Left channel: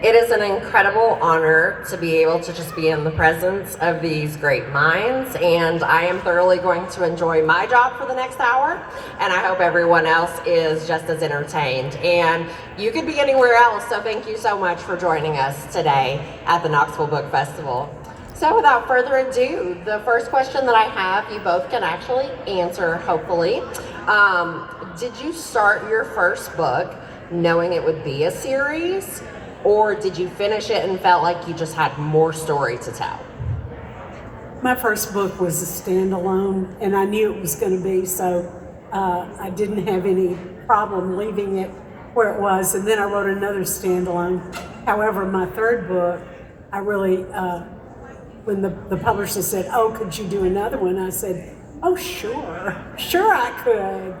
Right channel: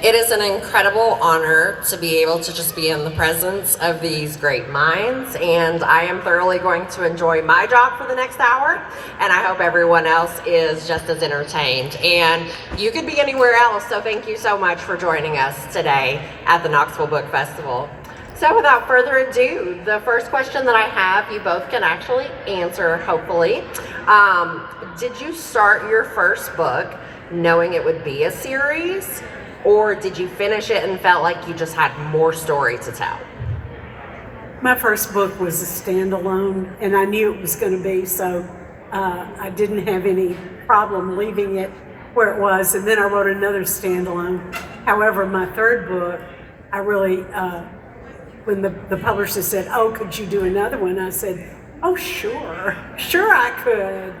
It is an incredible honor to be able to just be in the presence of these great minds, and I am thoroughly going to enjoy my job for the next hour, and I hope everyone else is just as entertained. And you could be anywhere else, so thank you so much for joining us today at the Knoxville Book Festival. So without further ado, the first question that I have, you both can actually answer, hopefully. Did you start your first book knowing it would be a series? Or did you finish it and felt like you just had more story to tell? My first book was a standalone, and I knew it was going to be, so I didn't have any problem leaving it where it was, and then I wrote another standalone. However, my third book, I really, when the publisher said, "Oh, could you do another one?" I said, "Oh, sure I could,"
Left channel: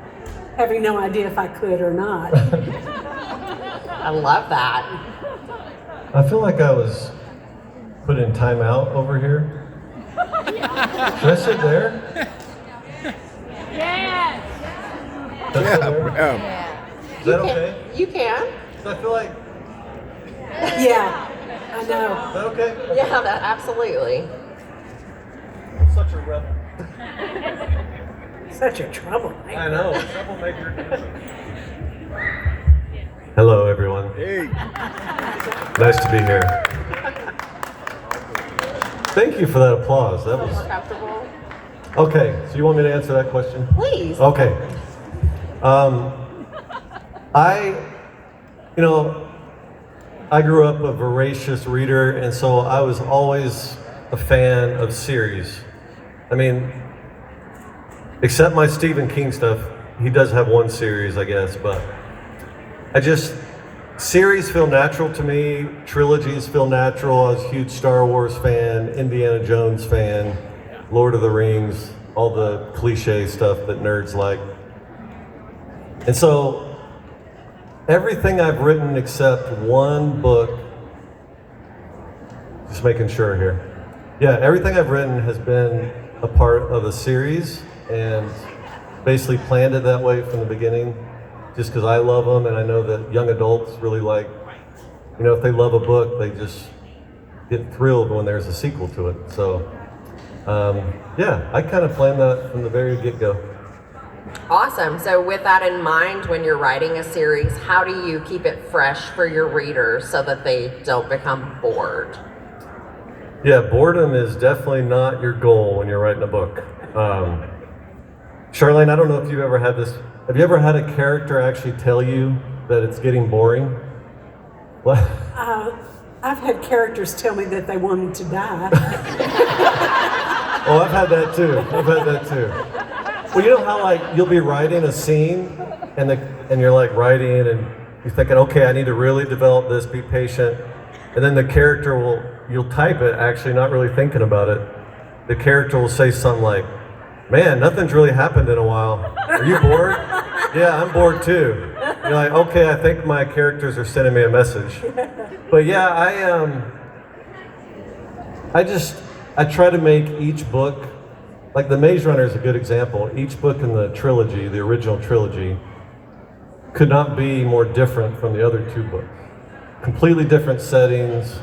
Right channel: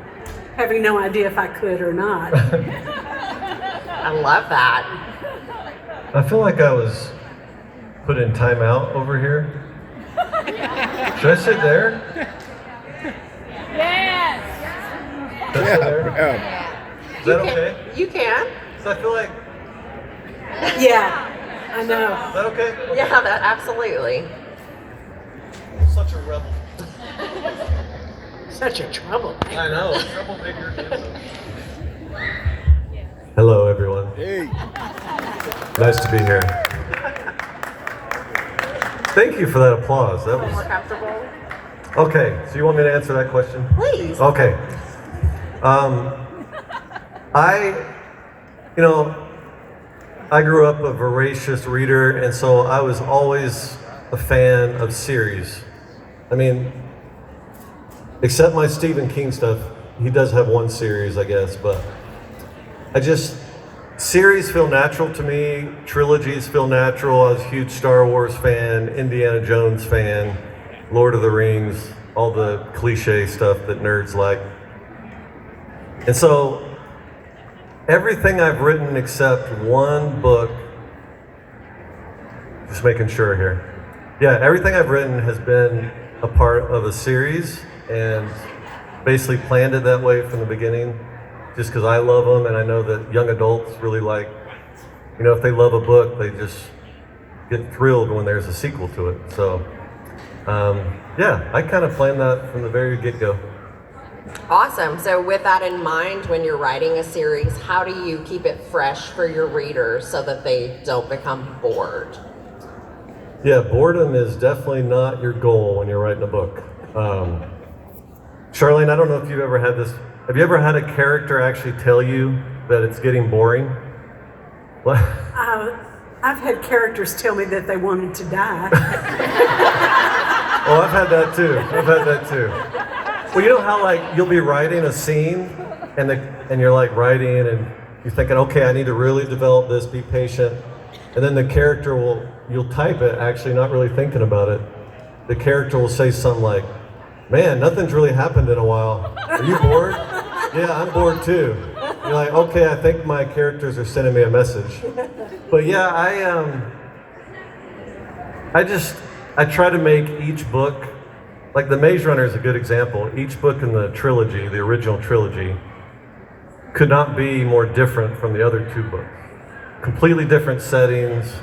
having no idea if I could or not. I love that. I feel like I was put in timeout over here. Should I sit there? Yes. Yeah. Is that okay? You can. Does that feel like? Yeah, I know. Is that okay? Yeah, absolutely. Such a rebel. Such a troublemaker. I know. Troublemaker. Hello, everyone. Hey. Nice to be here. Thank you for that applause. That More was comfortable? okay. So you want me to answer that question? Please. Okay. I grew up a voracious reader, and so I was always a fan of series. I mean, except my Stephen King stuff, he does have one series, I guess, but series feel natural to me, trilogies feel natural. I was a huge Star Wars fan, Indiana Jones fan, Lord of the Rings, all the cliche stuff that nerds like. And so, everything I've written except one book, just making sure here. Yeah, everything I've written has been a part of a series, and basically planned it that way from the beginning, just because I love them, and I know that young adults really like, if they love a book, they just get thrilled when there's a sequel to it. So, I kind of planned that from the very get-go. Awesome. So with that in mind, when you're writing a series, how do you keep it fresh for your readers so that they don't become bored? Yeah, boredom is definitely not your goal when you're writing a book. Charlaine, I don't know if you've ever had this. Have you ever had a character actually tell you that it's getting boring? What? I've had characters tell me that they wanted to die. Oh, I've had that too. Well, you know how you'll be writing a scene and you're writing and you're thinking, okay, I need to really develop this, be patient. And then the character you'll type it actually not really thinking about it. The character will say something like, "Man, nothing's really happened in a while. Are you bored?" "Yeah, I'm bored too." You're like, okay, I think my characters are sending me a message. But yeah, I try to make each book, like The Maze Runner is a good example. Each book in the trilogy, the original trilogy, could not be more different from the other two books. Completely different settings,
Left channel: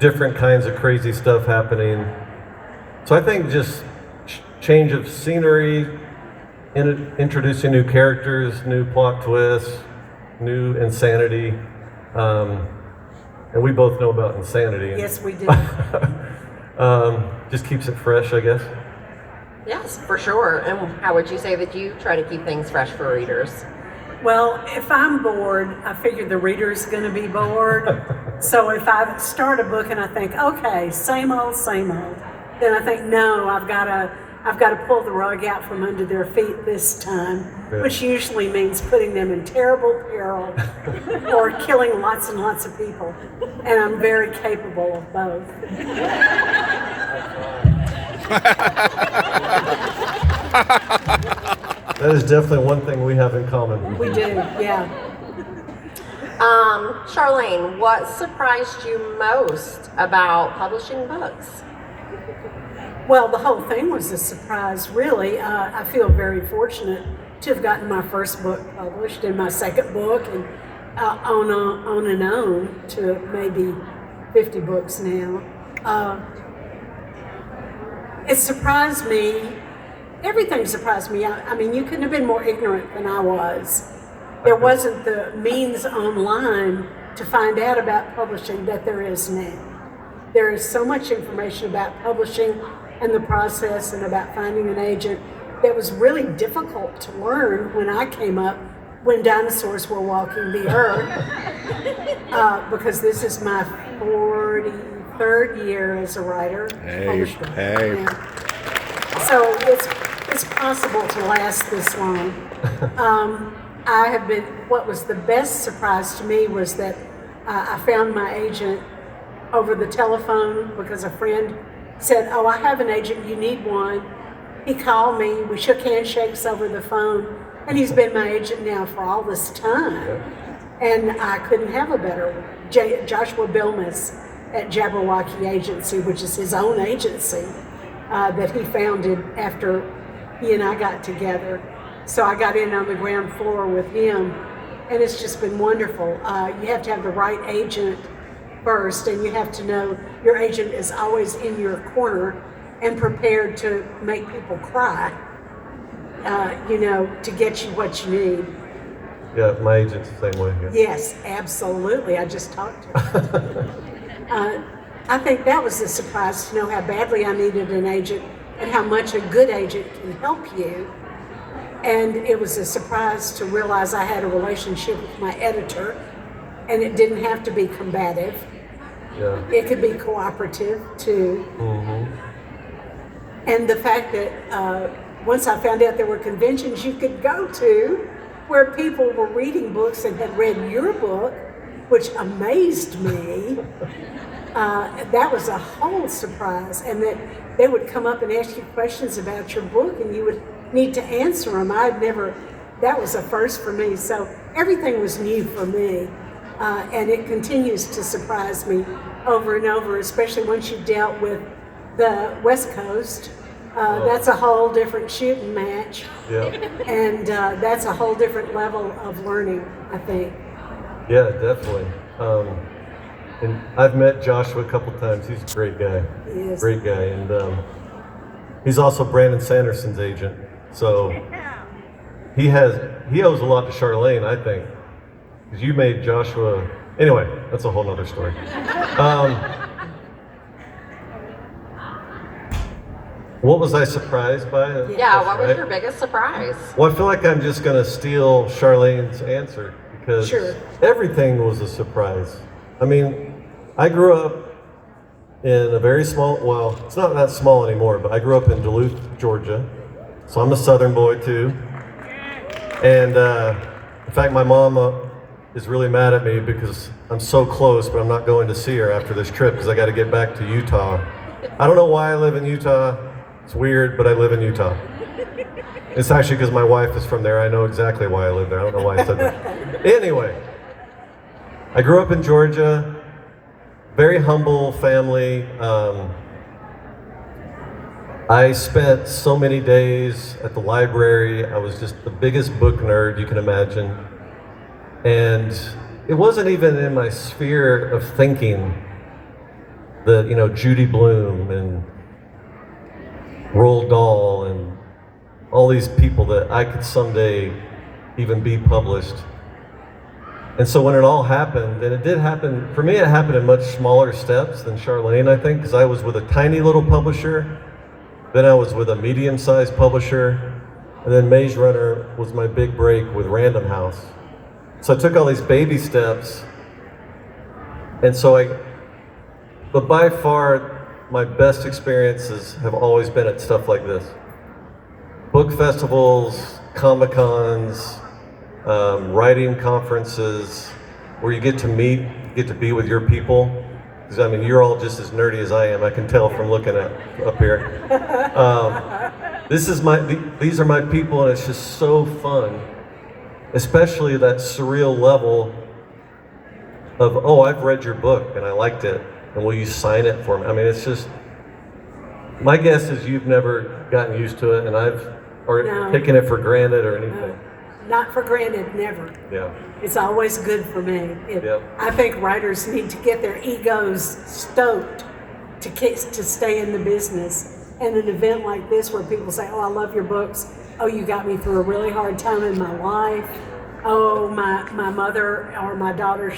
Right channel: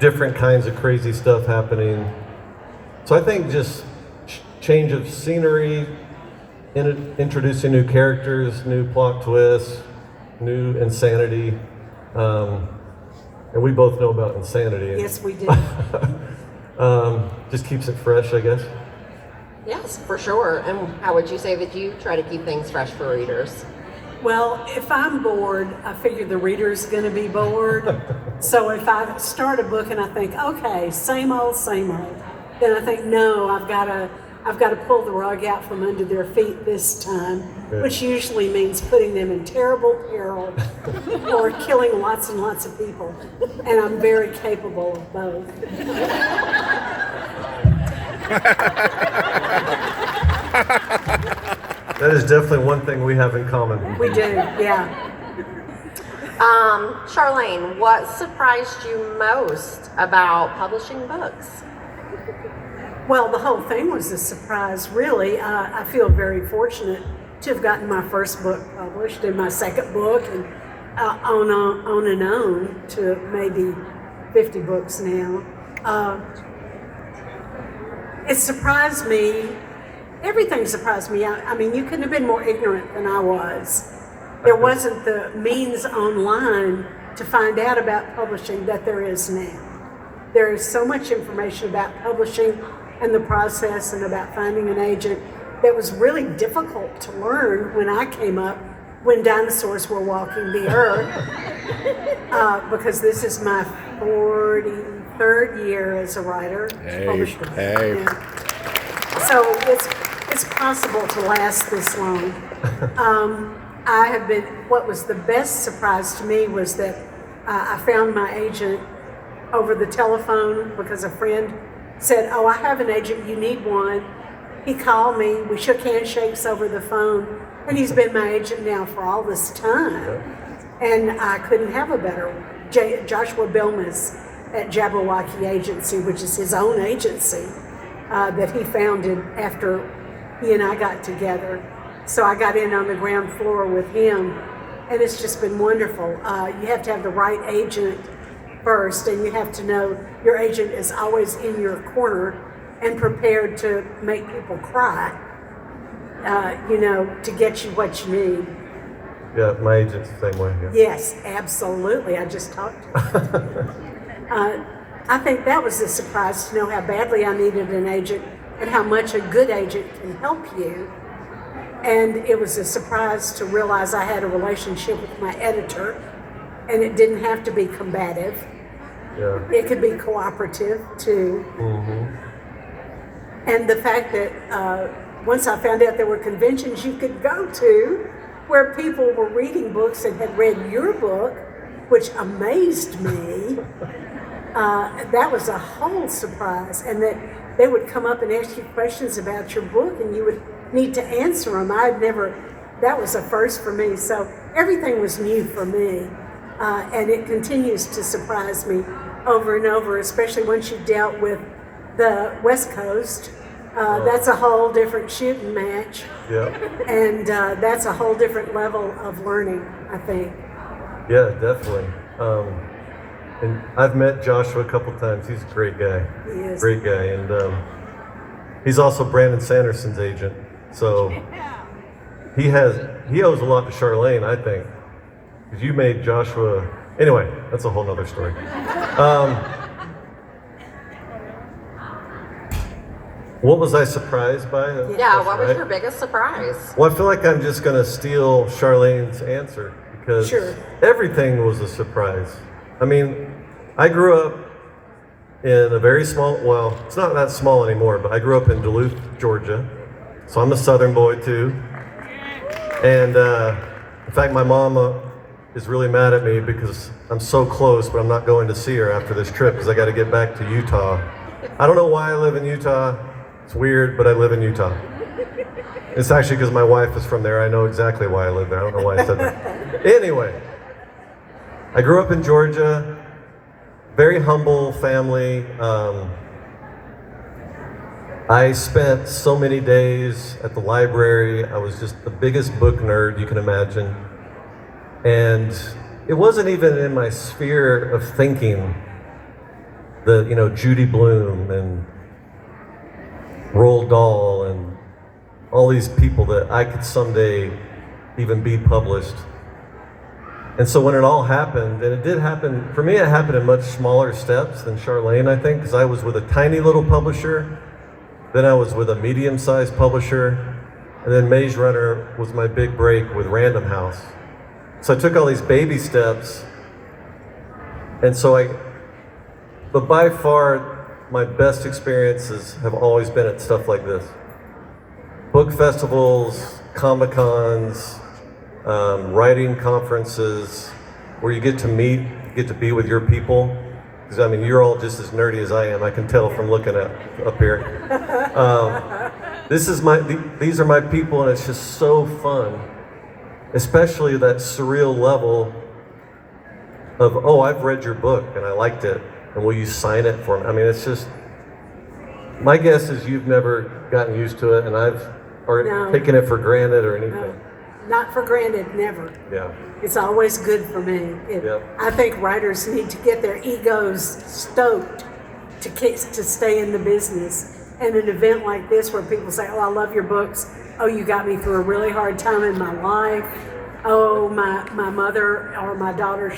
different kinds of crazy stuff happening. So I think just change of scenery, introducing new characters, new plot twists, new insanity. And we both know about insanity. Yes, we do. Just keeps it fresh, I guess. Yes, for sure. And how would you say that you try to keep things fresh for readers? Well, if I'm bored, I figure the reader's going to be bored. So if I start a book and I think, okay, same old, then I think, no, I've got to pull the rug out from under their feet this time, which usually means putting them in terrible peril or killing lots and lots of people. And I'm very capable of both. That is definitely one thing we have in common. We do, yeah. Charlaine, what surprised you most about publishing books? Well, the whole thing was a surprise, really. I feel very fortunate to have gotten my first book published and my second book, and on and on to maybe 50 books now. It surprised me. Everything surprised me. I mean, you couldn't have been more ignorant than I was. There wasn't the means online to find out about publishing that there is now. There is so much information about publishing and the process and about finding an agent that was really difficult to learn when I came up, when dinosaurs were walking the earth. Because this is my 43rd year as a writer. Hey. So it's possible to last this long. What was the best surprise to me was that I found my agent over the telephone because a friend said, "Oh, I have an agent, you need one." He called me, we shook handshakes over the phone, and he's been my agent now for all this time. And I couldn't have a better one. Joshua Bilmes at Jabberwocky Agency, which is his own agency, that he founded after he and I got together. So I got in on the ground floor with him, and it's just been wonderful. You have to have the right agent first, and you have to know your agent is always in your corner and prepared to make people cry, to get you what you need. Yeah, my agent's the same way. Yeah. Yes, absolutely. I just talked to her. I think that was a surprise to know how badly I needed an agent and how much a good agent can help you. And it was a surprise to realize I had a relationship with my editor, and it didn't have to be combative. Yeah. It could be cooperative too. Mm-hmm. And the fact that once I found out there were conventions you could go to where people were reading books and had read your book, which amazed me. That was a whole surprise. And that they would come up and ask you questions about your book and you would need to answer them. That was a first for me. So everything was new for me. And it continues to surprise me over and over, especially once you've dealt with the West Coast. That's a whole different shooting match. Yeah. And that's a whole different level of learning, I think. Yeah, definitely. And I've met Joshua a couple times. He's a great guy. He is. Great guy. And he's also Brandon Sanderson's agent. So he owes a lot to Charlaine, I think. Because you made Joshua... Anyway, that's a whole nother story. What was I surprised by? What was your biggest surprise? Well, I feel like I'm just going to steal Charlaine's answer because everything was a surprise. I mean, I grew up in a very small, well, it's not that small anymore, but I grew up in Duluth, Georgia. So I'm a Southern boy too. And in fact, my mom is really mad at me because I'm so close, but I'm not going to see her after this trip because I got to get back to Utah. I don't know why I live in Utah. It's weird, but I live in Utah. It's actually because my wife is from there. I know exactly why I live there. I don't know why I said that. Anyway, I grew up in Georgia, very humble family. I spent so many days at the library. I was just the biggest book nerd you can imagine. And it wasn't even in my sphere of thinking that, Judy Blume and Roald Dahl and all these people that I could someday even be published. And so when it all happened, and it did happen, for me it happened in much smaller steps than Charlaine, I think, because I was with a tiny little publisher, then I was with a medium-sized publisher, and then Maze Runner was my big break with Random House. So I took all these baby steps, and but by far, my best experiences have always been at stuff like this. Book festivals, Comic-Cons, writing conferences, where you get to be with your people. Because you're all just as nerdy as I am. I can tell from looking up here. These are my people, and it's just so fun. Especially that surreal level of, I've read your book and I liked it, and will you sign it for me? It's just, my guess is you've never gotten used to it, and taken it for granted or anything. not for granted, never. Yeah. It's always good for me. I think writers need to get their egos stoked to stay in the business. And an event like this where people say, oh, I love your books. Oh, you got me through a really hard time in my life. Oh, my mother or my daughter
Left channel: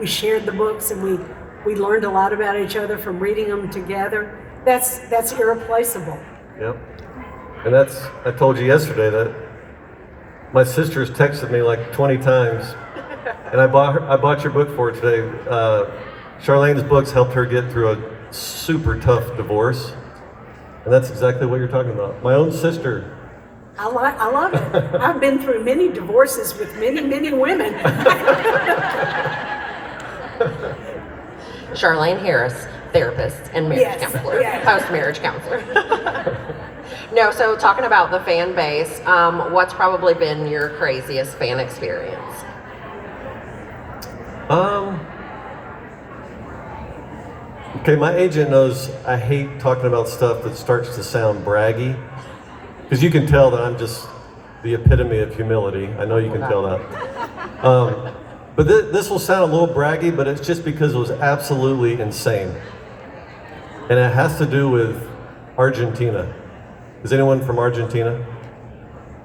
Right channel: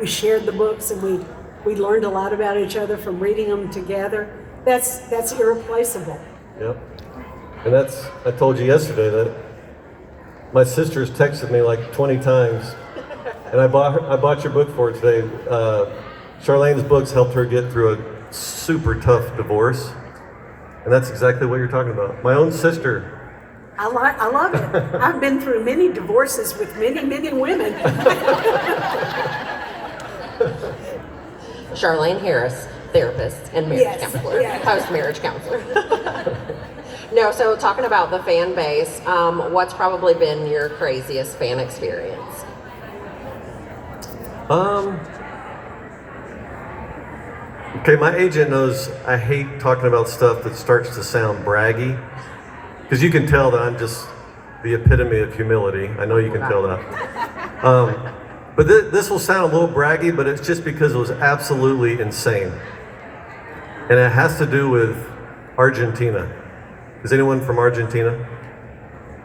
we shared the books, and we learned a lot about each other from reading them together. That's irreplaceable. Yep. And I told you yesterday that my sister's texted me like 20 times, and I bought your book for her today. Charlaine's books helped her get through a super tough divorce, and that's exactly what you're talking about. My own sister. I love it. I've been through many divorces with many women. Charlaine Harris, therapist and marriage counselor, post-marriage counselor. No, so talking about the fan base, what's probably been your craziest fan experience? Okay, my agent knows I hate talking about stuff that starts to sound braggy, because you can tell that I'm just the epitome of humility. I know you can tell that. But this will sound a little braggy, but it's just because it was absolutely insane. And it has to do with Argentina. Is anyone from Argentina?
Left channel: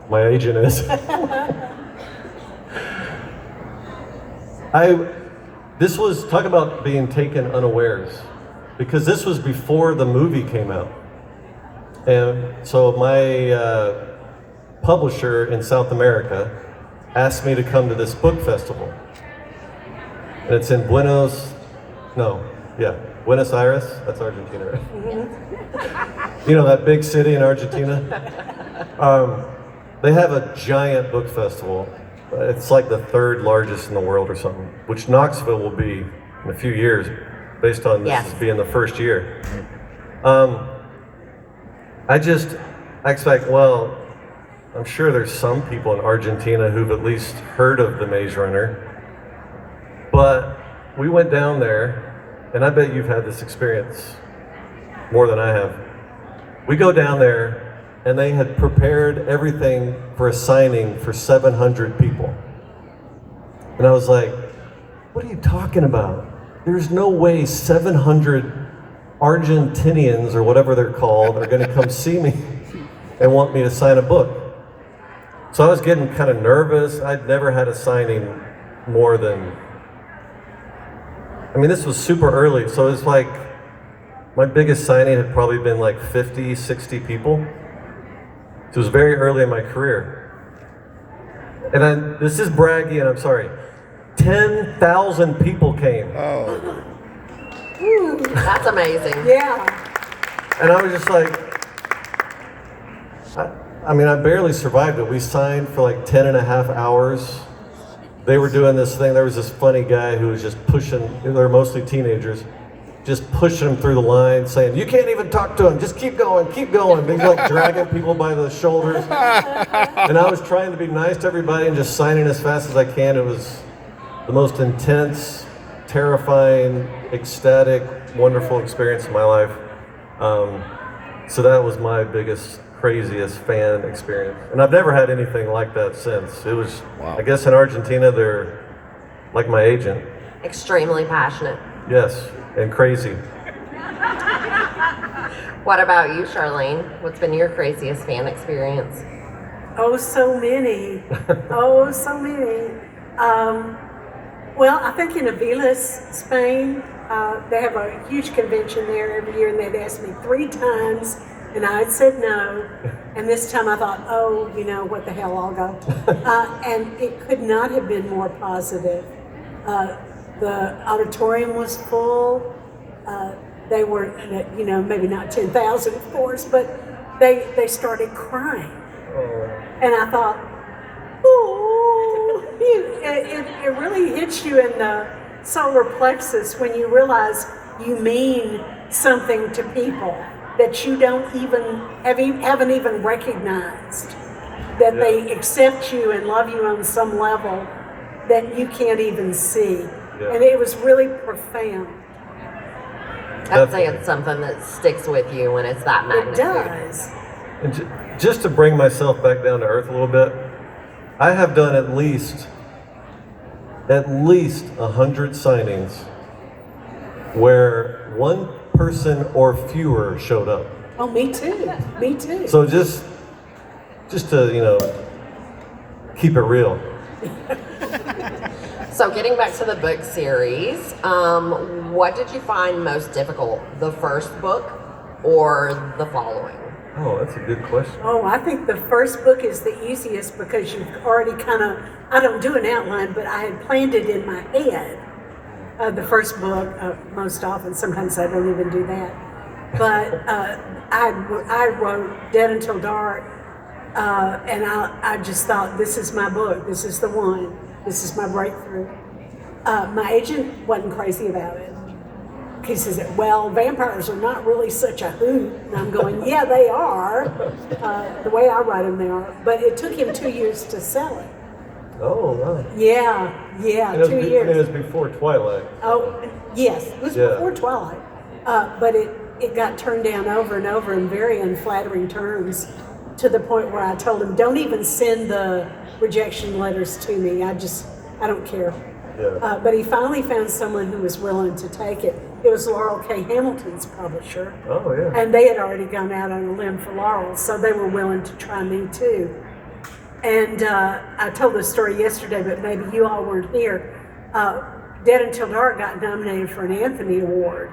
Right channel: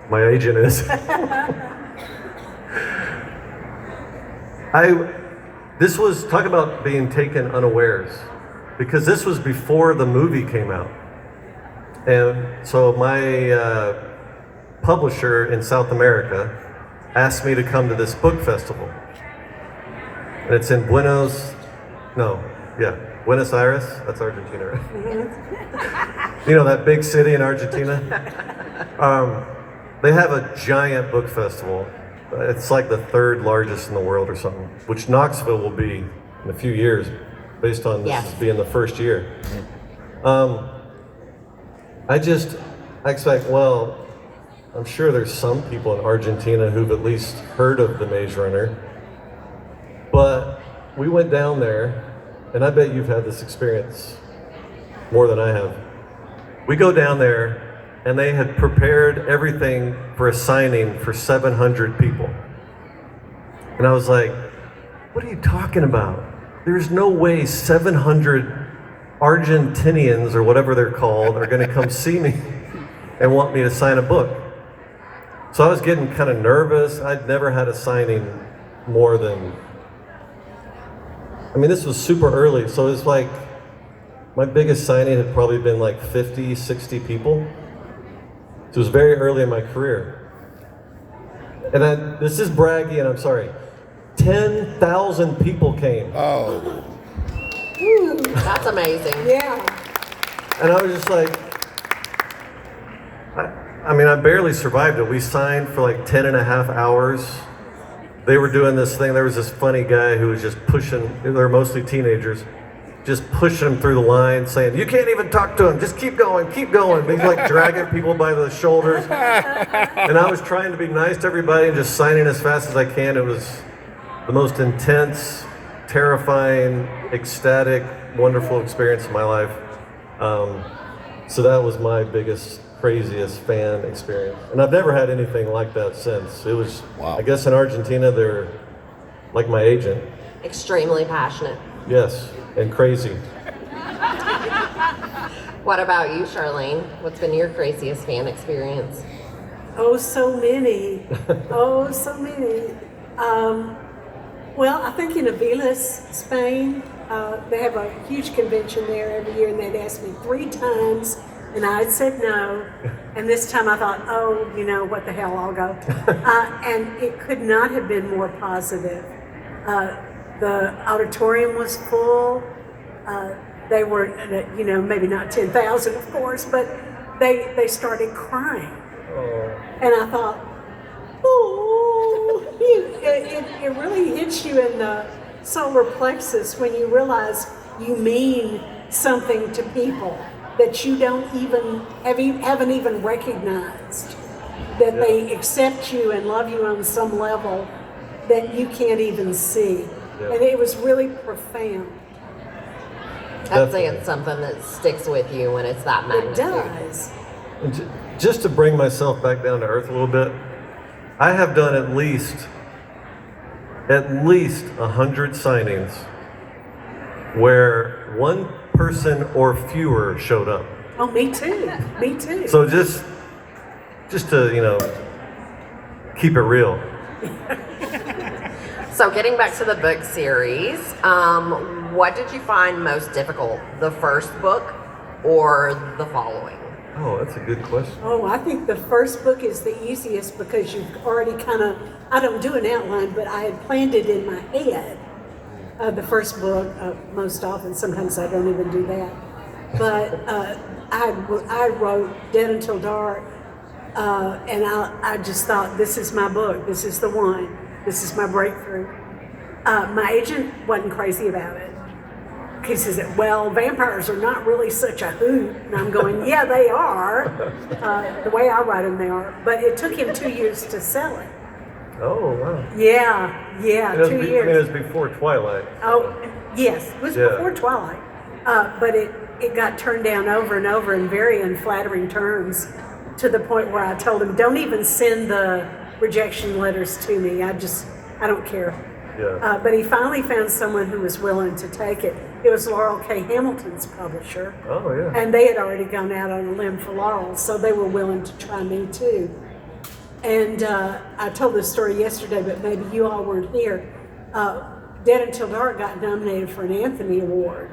My agent is. This was, talk about being taken unawares, because this was before the movie came out. And so my publisher in South America asked me to come to this book festival. And it's in Buenos Aires, that's Argentina, right? You know, that big city in Argentina? They have a giant book festival. It's like the third largest in the world or something, which Knoxville will be in a few years, based on this being the first year. I expect, well, I'm sure there's some people in Argentina who've at least heard of the Maze Runner. But we went down there, and I bet you've had this experience more than I have. We go down there, and they had prepared everything for a signing for 700 people. And I was like, what are you talking about? There's no way 700 Argentinians, or whatever they're called, are gonna come see me and want me to sign a book. So I was getting kind of nervous. I'd never had a signing more than, this was super early, so it was like, my biggest signing had probably been like 50, 60 people. It was very early in my career. And this is braggy, and I'm sorry, 10,000 people came. Oh. That's amazing. Yeah. And I was just like, I barely survived it. We signed for like 10 and a half hours. They were doing this thing. There was this funny guy who was just pushing, they were mostly teenagers, just pushing them through the line, saying, you can't even talk to him, just keep going, keep going. And he's like dragging people by the shoulders. And I was trying to be nice to everybody and just signing as fast as I can. It was the most intense, terrifying, ecstatic, wonderful experience of my life. So that was my biggest, craziest fan experience. And I've never had anything like that since. It was, wow. I guess in Argentina, they're like my agent. Extremely passionate. Yes, and crazy. What about you, Charlaine? What's been your craziest fan experience? Oh, so many. Oh, so many. Well, I think in Aviles, Spain, they have a huge convention there every year, and they'd asked me 3 times, and I had said no. And this time I thought, oh, what the hell, I'll go. And it could not have been more positive. The auditorium was full. They were, maybe not 10,000, of course, but they started crying. Oh. And I thought, oh, it really hits you in the solar plexus when you realize you mean something to people that you haven't even recognized, that they accept you and love you on some level that you can't even see. Yeah. And it was really profound. I'd say it's something that sticks with you when it's that magnitude. It does. And just to bring myself back down to earth a little bit, I have done at least 100 signings where one person or fewer showed up. Oh, me too. Me too. So just to, keep it real. So getting back to the book series, what did you find most difficult? The first book or the following? Oh, that's a good question. Oh, I think the first book is the easiest because you've already I don't do an outline, but I had planned it in my head. The first book, most often, sometimes I don't even do that. But I wrote Dead Until Dark, and I just thought, this is my book, this is the one, this is my breakthrough. My agent wasn't crazy about it. He says, well, vampires are not really such a hoot. And I'm going, yeah, they are. The way I write them, they are. But it took him 2 years to sell it. Oh, wow. Yeah, And 2 years. It was before Twilight. Oh, yes, it was before Twilight. But it got turned down over and over in very unflattering terms, to the point where I told him, don't even send the rejection letters to me. I don't care. Yeah. But he finally found someone who was willing to take it. It was Laurel K. Hamilton's publisher. Oh, yeah. And they had already gone out on a limb for Laurel, so they were willing to try me too. And I told this story yesterday, but maybe you all weren't here. Dead Until Dark got nominated for an Anthony Award,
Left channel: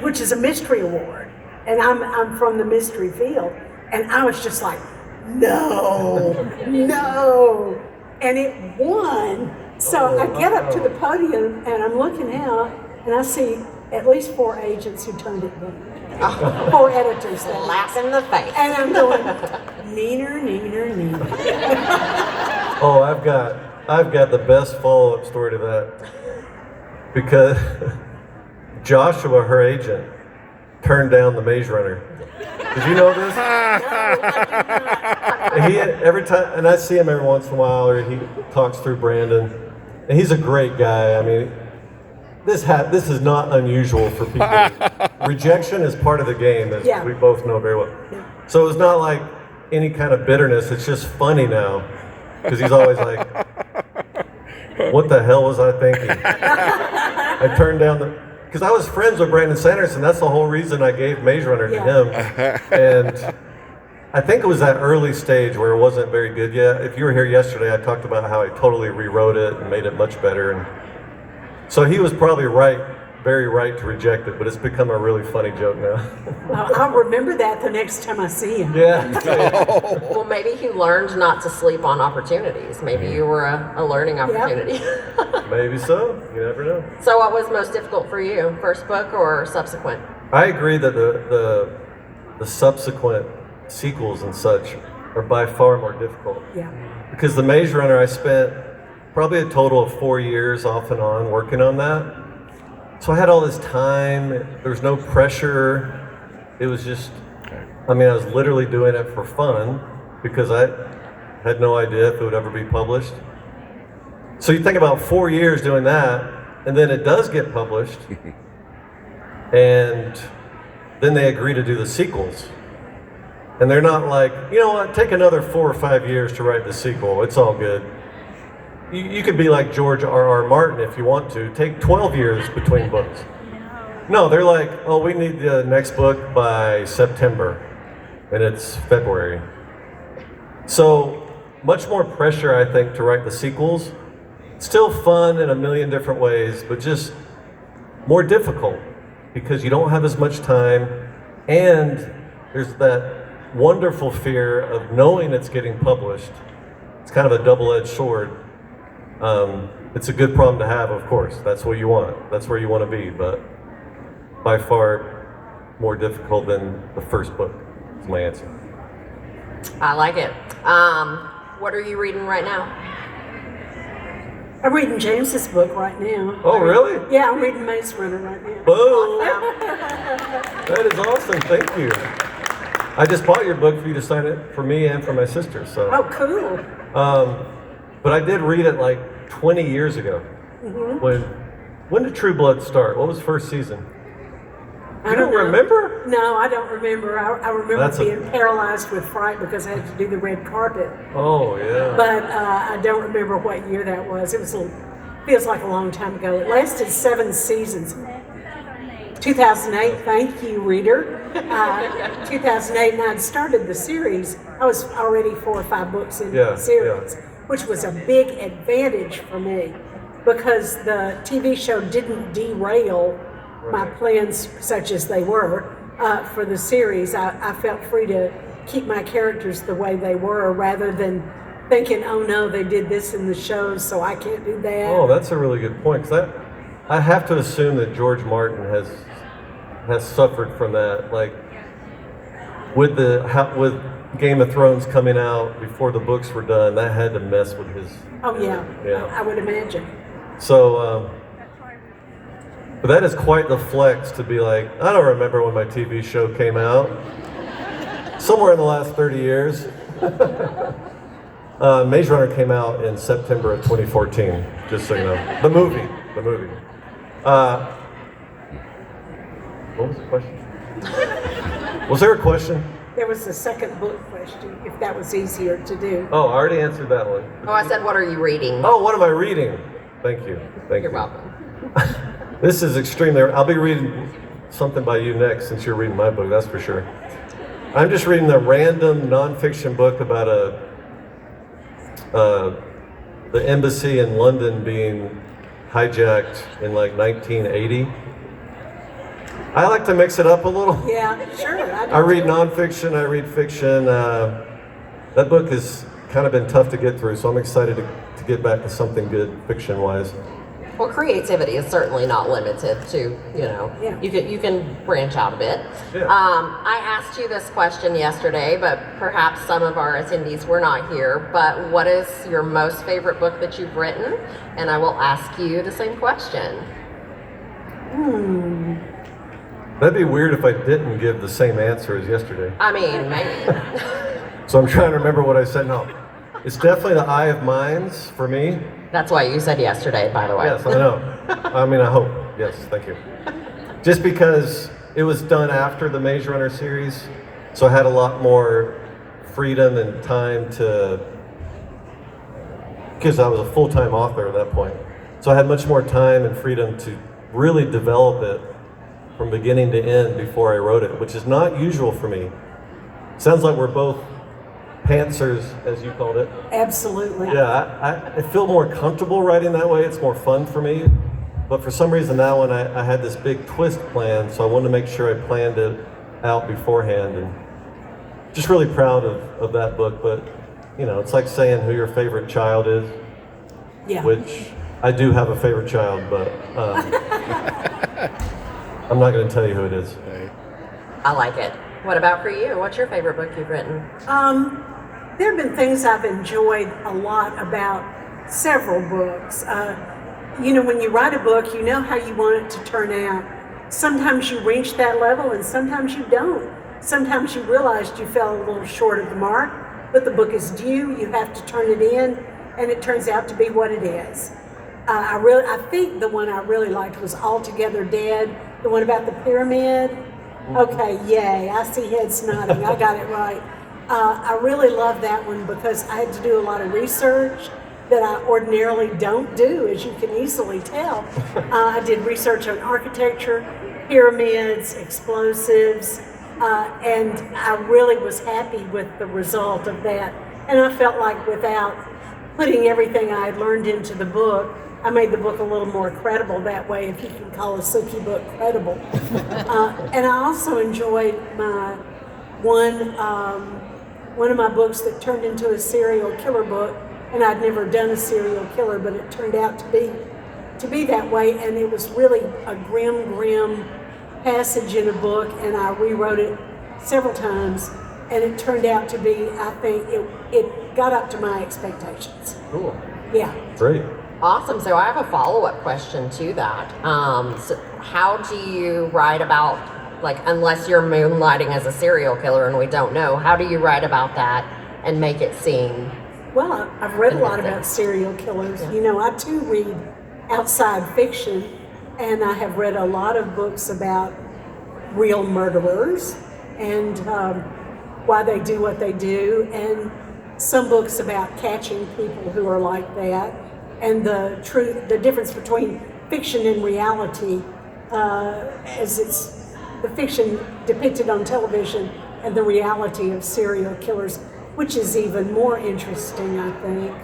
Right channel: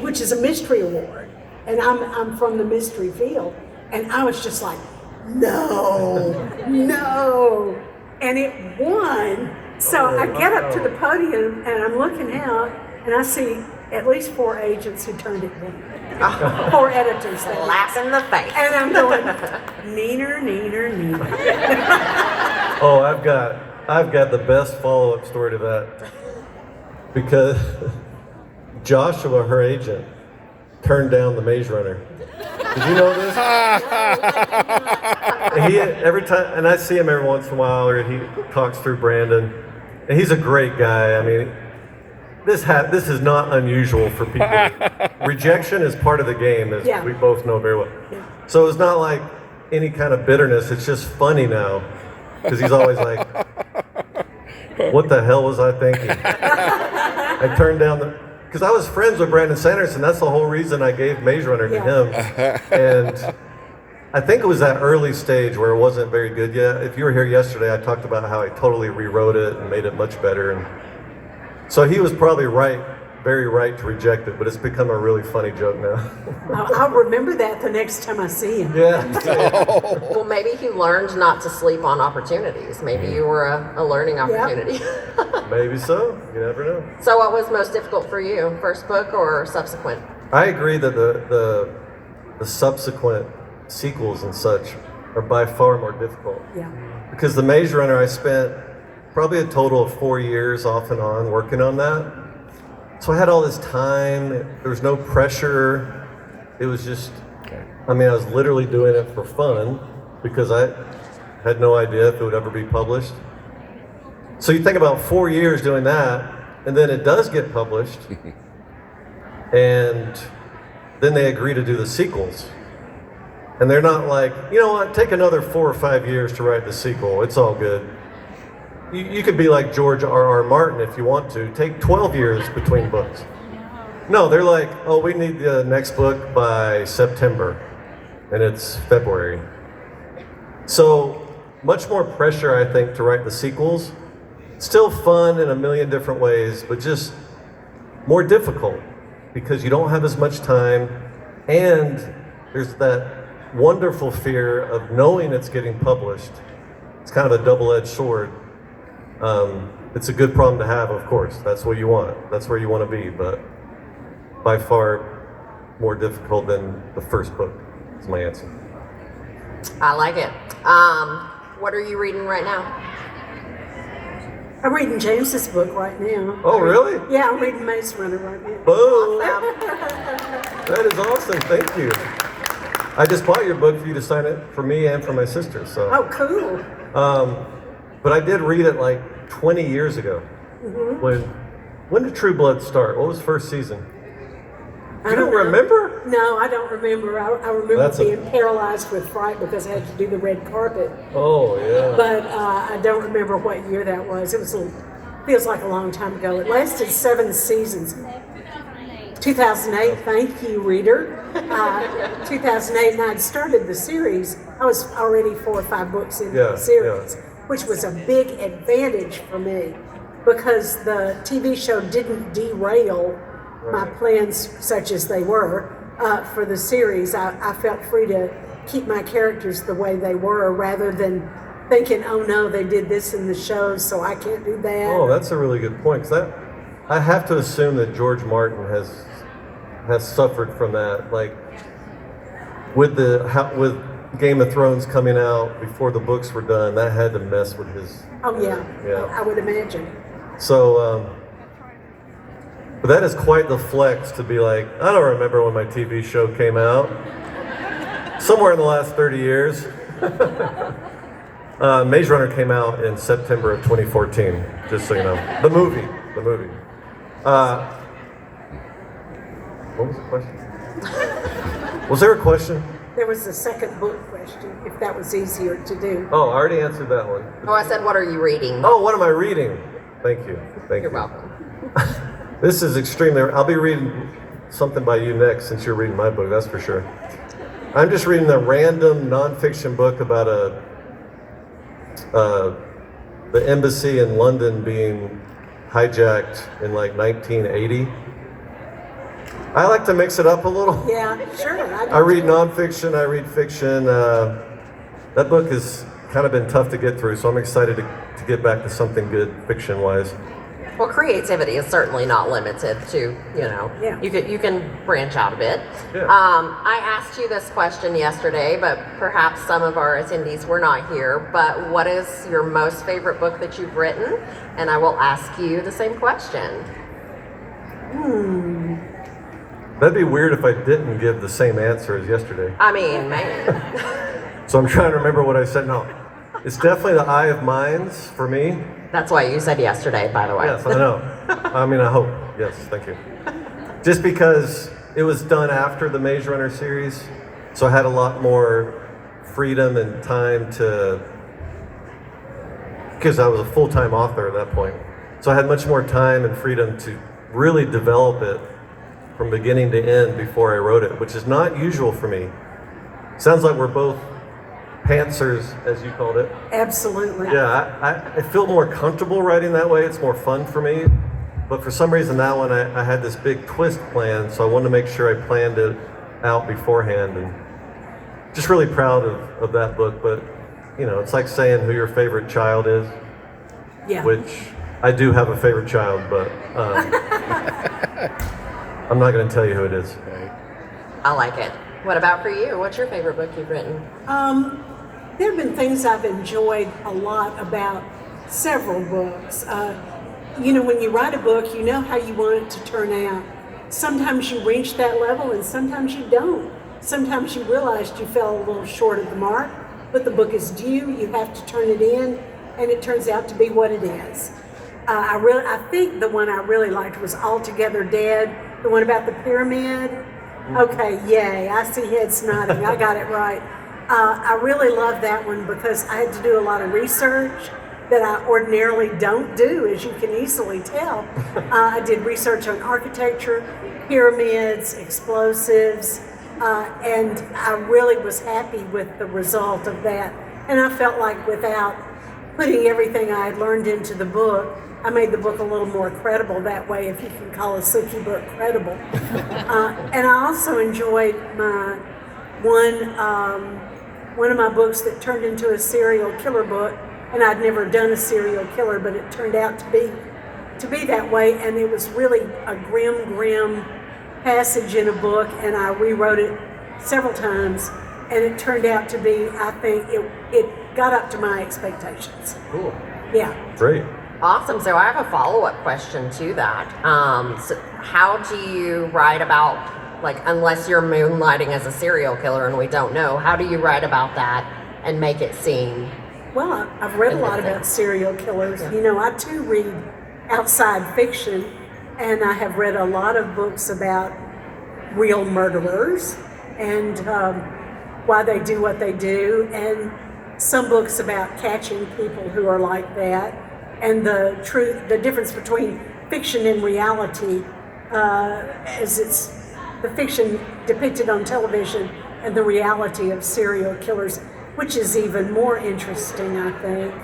which is a mystery award. And I'm from the mystery field. And I was just like, no. And it won. So I get up to the podium and I'm looking out and I see at least 4 agents who turned it down. 4 editors. Slap in the face. And I'm going, neener. Oh, I've got the best follow-up story to that, because Joshua, her agent, turned down the Maze Runner. Did you know this? Every time, and I see him every once in a while, or he talks through Brandon, and he's a great guy. I mean, this is not unusual for people. Rejection is part of the game, as we both know very well. Yeah. So it's not like any kind of bitterness. It's just funny now, because he's always like, "What the hell was I thinking?" I turned down because I was friends with Brandon Sanderson. That's the whole reason I gave Maze Runner to him. And I think it was that early stage where it wasn't very good yet. If you were here yesterday, I talked about how I totally rewrote it and made it much better. And so he was probably right, very right to reject it, but it's become a really funny joke now. I'll remember that the next time I see him. Yeah. Well, maybe he learned not to sleep on opportunities. Maybe you were a learning opportunity. Maybe so. You never know. So what was most difficult for you, first book or subsequent? I agree that the subsequent sequels and such are by far more difficult. Yeah. Because the Maze Runner, I spent probably a total of 4 years off and on working on that. So I had all this time. There was no pressure. It was just, I was literally doing it for fun because I had no idea if it would ever be published. So you think about 4 years doing that, and then it does get published, and then they agree to do the sequels. And they're not like, you know what, take another 4 or 5 years to write the sequel. It's all good. You could be like George R.R. Martin if you want to. Take 12 years between books. No, they're like, oh, we need the next book by September, and it's February. So much more pressure, I think, to write the sequels. Still fun in a million different ways, but just more difficult because you don't have as much time, and there's that wonderful fear of knowing it's getting published. It's kind of a double-edged sword. It's a good problem to have, of course. That's what you want. That's where you want to be, but by far more difficult than the first book is my answer. I like it. What are you reading right now? I'm reading James's book right now. Oh, really? Yeah, I'm reading Maze Runner right now. Boom! That is awesome. Thank you. I just bought your book for you to sign it for me and for my sister. So. Oh, cool. But I did read it like 20 years ago. Mm-hmm. When did True Blood start? What was first season? You don't remember? No, I don't remember. I remember being paralyzed with fright because I had to do the red carpet. Oh, yeah. But I don't remember what year that was. It was feels like a long time ago. It lasted 7 seasons. 2008, thank you, reader. 2008, and I'd started the series. I was already 4 or 5 books into the series, which was a big advantage for me because the TV show didn't derail my plans, such as they were, for the series. I felt free to keep my characters the way they were rather than thinking, oh no, they did this in the show, so I can't do that. Oh, that's a really good point. 'Cause I have to assume that George Martin has suffered from that. Like with Game of Thrones coming out before the books were done, that had to mess with his. Oh yeah. I would imagine. So, but that is quite the flex to be like, I don't remember when my TV show came out. Somewhere in the last 30 years. Maze Runner came out in September of 2014, just so you know. The movie. What was the question? Was there a question? There was a second book question, if that was easier to do. Oh, I already answered that one. Oh, I said, what are you reading? Oh, what am I reading? Thank you. You're welcome. This is extremely. I'll be reading something by you next since you're reading my book, that's for sure. I'm just reading a random nonfiction book about the embassy in London being hijacked in like 1980. I like to mix it up a little. Yeah, sure. I read nonfiction, I read fiction. That book has kind of been tough to get through, so I'm excited to get back to something good fiction-wise. Well, creativity is certainly not limited to, you can branch out a bit. Yeah. I asked you this question yesterday, but perhaps some of our attendees were not here, but what is your most favorite book that you've written? And I will ask you the same question. That'd be weird if I didn't give the same answer as yesterday. I mean, maybe. So I'm trying to remember what I said. No, it's definitely The Eye of Mines for me. That's why you said yesterday, by the way. Yes, I know. I mean, I hope. Yes, thank you. Just because it was done after the Maze Runner series, so I had a lot more freedom and time because I was a full-time author at that point. So I had much more time and freedom to really develop it from beginning to end before I wrote it, which is not usual for me. Sounds like we're both pantsers, as you called it. Absolutely. Yeah, I feel more comfortable writing that way. It's more fun for me. But for some reason, that one, I had this big twist planned, so I wanted to make sure I planned it out beforehand. And just really proud of that book. But, it's like saying who your favorite child is. Yeah. Which I do have a favorite child, but I'm not going to tell you who it is. Okay. Oh. I like it. What about for you? What's your favorite book you've written? There have been things I've enjoyed a lot about several books. When you write a book, you know how you want it to turn out. Sometimes you reach that level and sometimes you don't. Sometimes you realized you fell a little short of the mark, but the book is due, you have to turn it in, and it turns out to be what it is. I think the one I really liked was Altogether Dead, the one about the pyramid. Okay, yay, I see heads nodding, I got it right. I really love that one because I had to do a lot of research that I ordinarily don't do, as you can easily tell. I did research on architecture, pyramids, explosives, and I really was happy with the result of that. And I felt like without putting everything I had learned into the book, I made the book a little more credible that way, if you can call a Sookie book credible. And I also enjoyed my one of my books that turned into a serial killer book, and I'd never done a serial killer, but it turned out to be that way, and it was really a grim passage in a book, and I rewrote it several times, and it turned out to be, I think, it got up to my expectations. Cool. Yeah. Great. Awesome. So I have a follow-up question to that. So how do you write about, unless you're moonlighting as a serial killer and we don't know, how do you write about that and make it seem? Well, I've read a lot about serial killers. Yeah. I too read outside fiction, and I have read a lot of books about real murderers and why they do what they do, and some books about catching people who are like that, and the difference between fiction and reality, as it's the fiction depicted on television and the reality of serial killers, which is even more interesting, I think.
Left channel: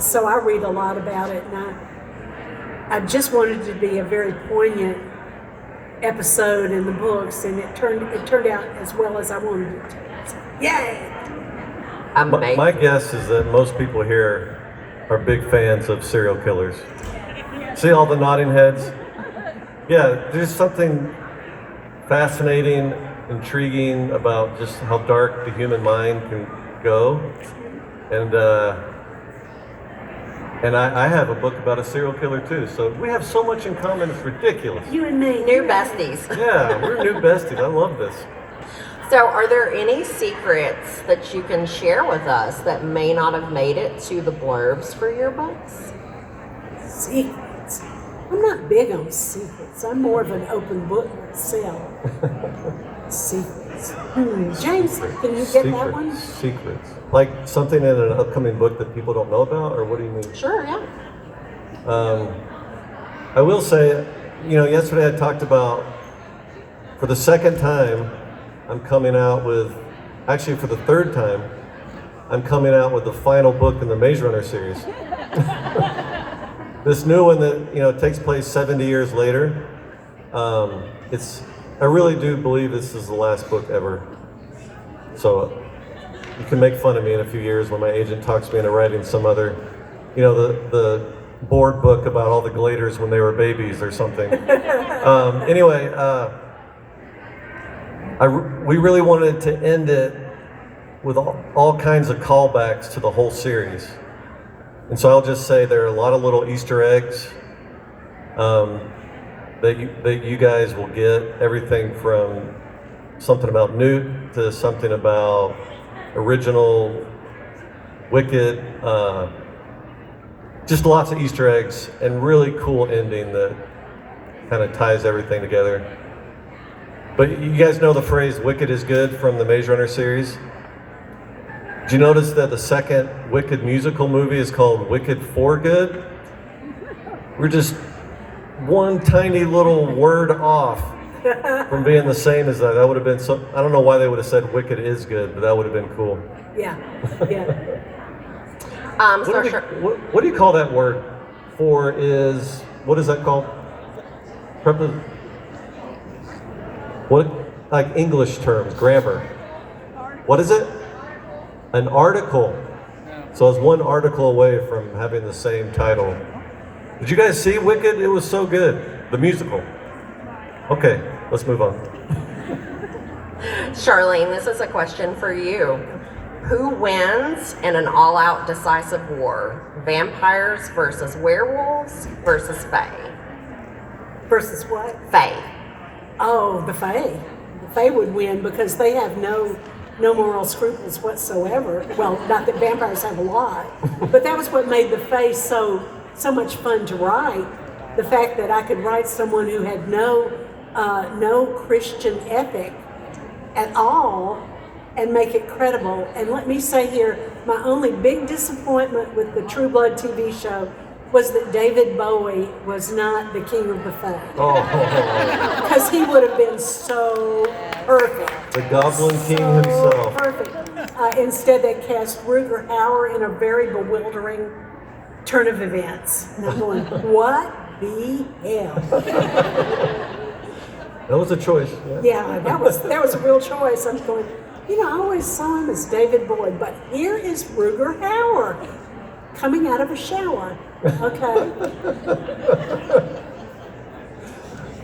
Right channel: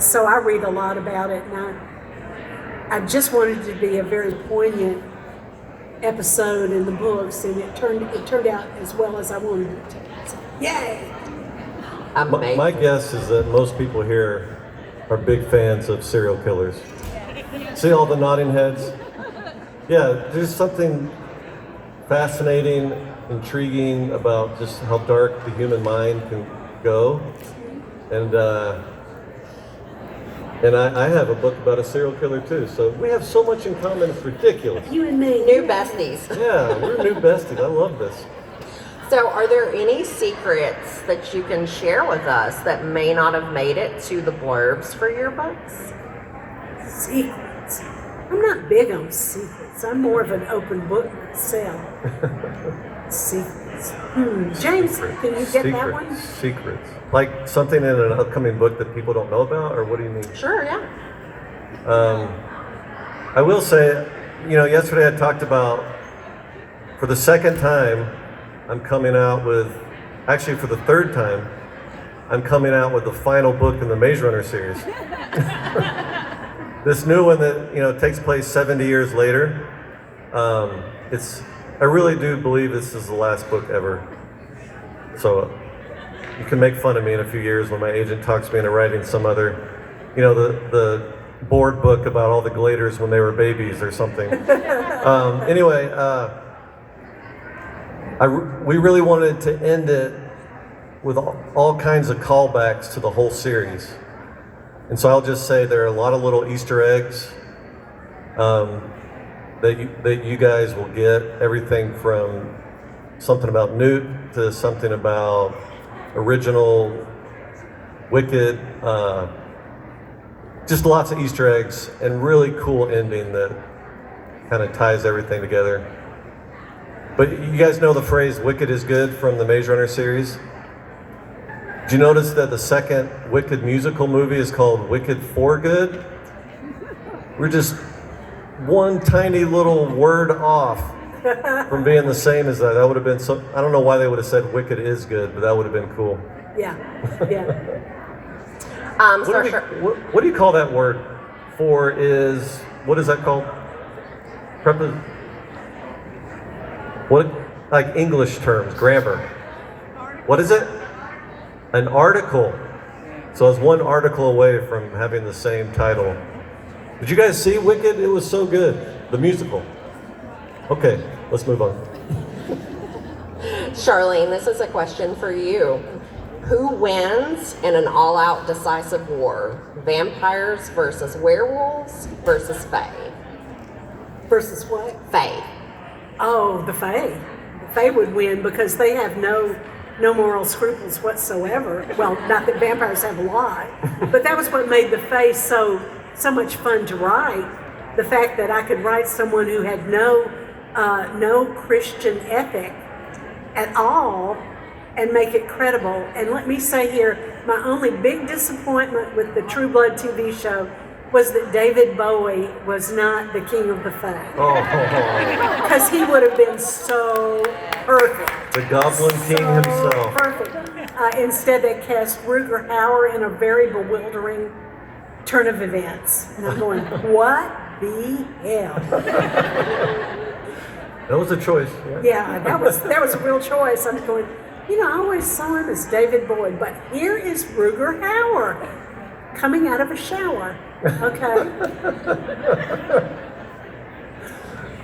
So I read a lot about it, and I just wanted it to be a very poignant episode in the books, and it turned out as well as I wanted it to. So, yay! Amazing. My guess is that most people here are big fans of serial killers. See all the nodding heads? Yeah, there's something fascinating, intriguing about just how dark the human mind can go. And I have a book about a serial killer too, so we have so much in common, it's ridiculous. You and me. New besties. Yeah, we're new besties, I love this. So, are there any secrets that you can share with us that may not have made it to the blurbs for your books? Secrets. I'm not big on secrets. I'm more of an open book myself. Secrets. James, can you get that one? Secrets. Like something in an upcoming book that people don't know about, or what do you mean? Sure, yeah. I will say, yesterday I talked about, for the second time, I'm coming out with, actually for the third time, I'm coming out with the final book in the Maze Runner series. This new one that takes place 70 years later. I really do believe this is the last book ever. So you can make fun of me in a few years when my agent talks me into writing some other, the board book about all the Gladers when they were babies or something. Anyway. We really wanted to end it with all kinds of callbacks to the whole series. And so I'll just say there are a lot of little Easter eggs that you guys will get. Everything from something about Newt to something about original Wicked. Just lots of Easter eggs and really cool ending that kind of ties everything together. But you guys know the phrase "Wicked is good" from the Maze Runner series? Did you notice that the second Wicked musical movie is called Wicked for Good? We're just one tiny little word off from being the same as that. That would have been so, I don't know why they would have said Wicked is good, but that would have been cool. Yeah. What do you call that word? For is, what is that called? What, like English terms, grammar. What is it? An article. So I was one article away from having the same title. Did you guys see Wicked? It was so good. The musical. Okay, let's move on. Charlaine, this is a question for you. Who wins in an all-out decisive war? Vampires versus werewolves versus fae? Versus what? Fae. Oh, the Fae. The Fae would win because they have no moral scruples whatsoever. Well, not that vampires have a lot, but that was what made the Fae so much fun to write. The fact that I could write someone who had no Christian ethic at all and make it credible. And let me say here, my only big disappointment with the True Blood TV show was that David Bowie was not the king of the Fae. Because he would have been so perfect. The Goblin King himself. Perfect. Instead, they cast Rutger Hauer in a very bewildering turn of events. And I'm going, what the hell? That was a choice. Yeah, that was a real choice. I'm going, I always saw him as David Bowie, but here is Rutger Hauer coming out of a shower. Okay.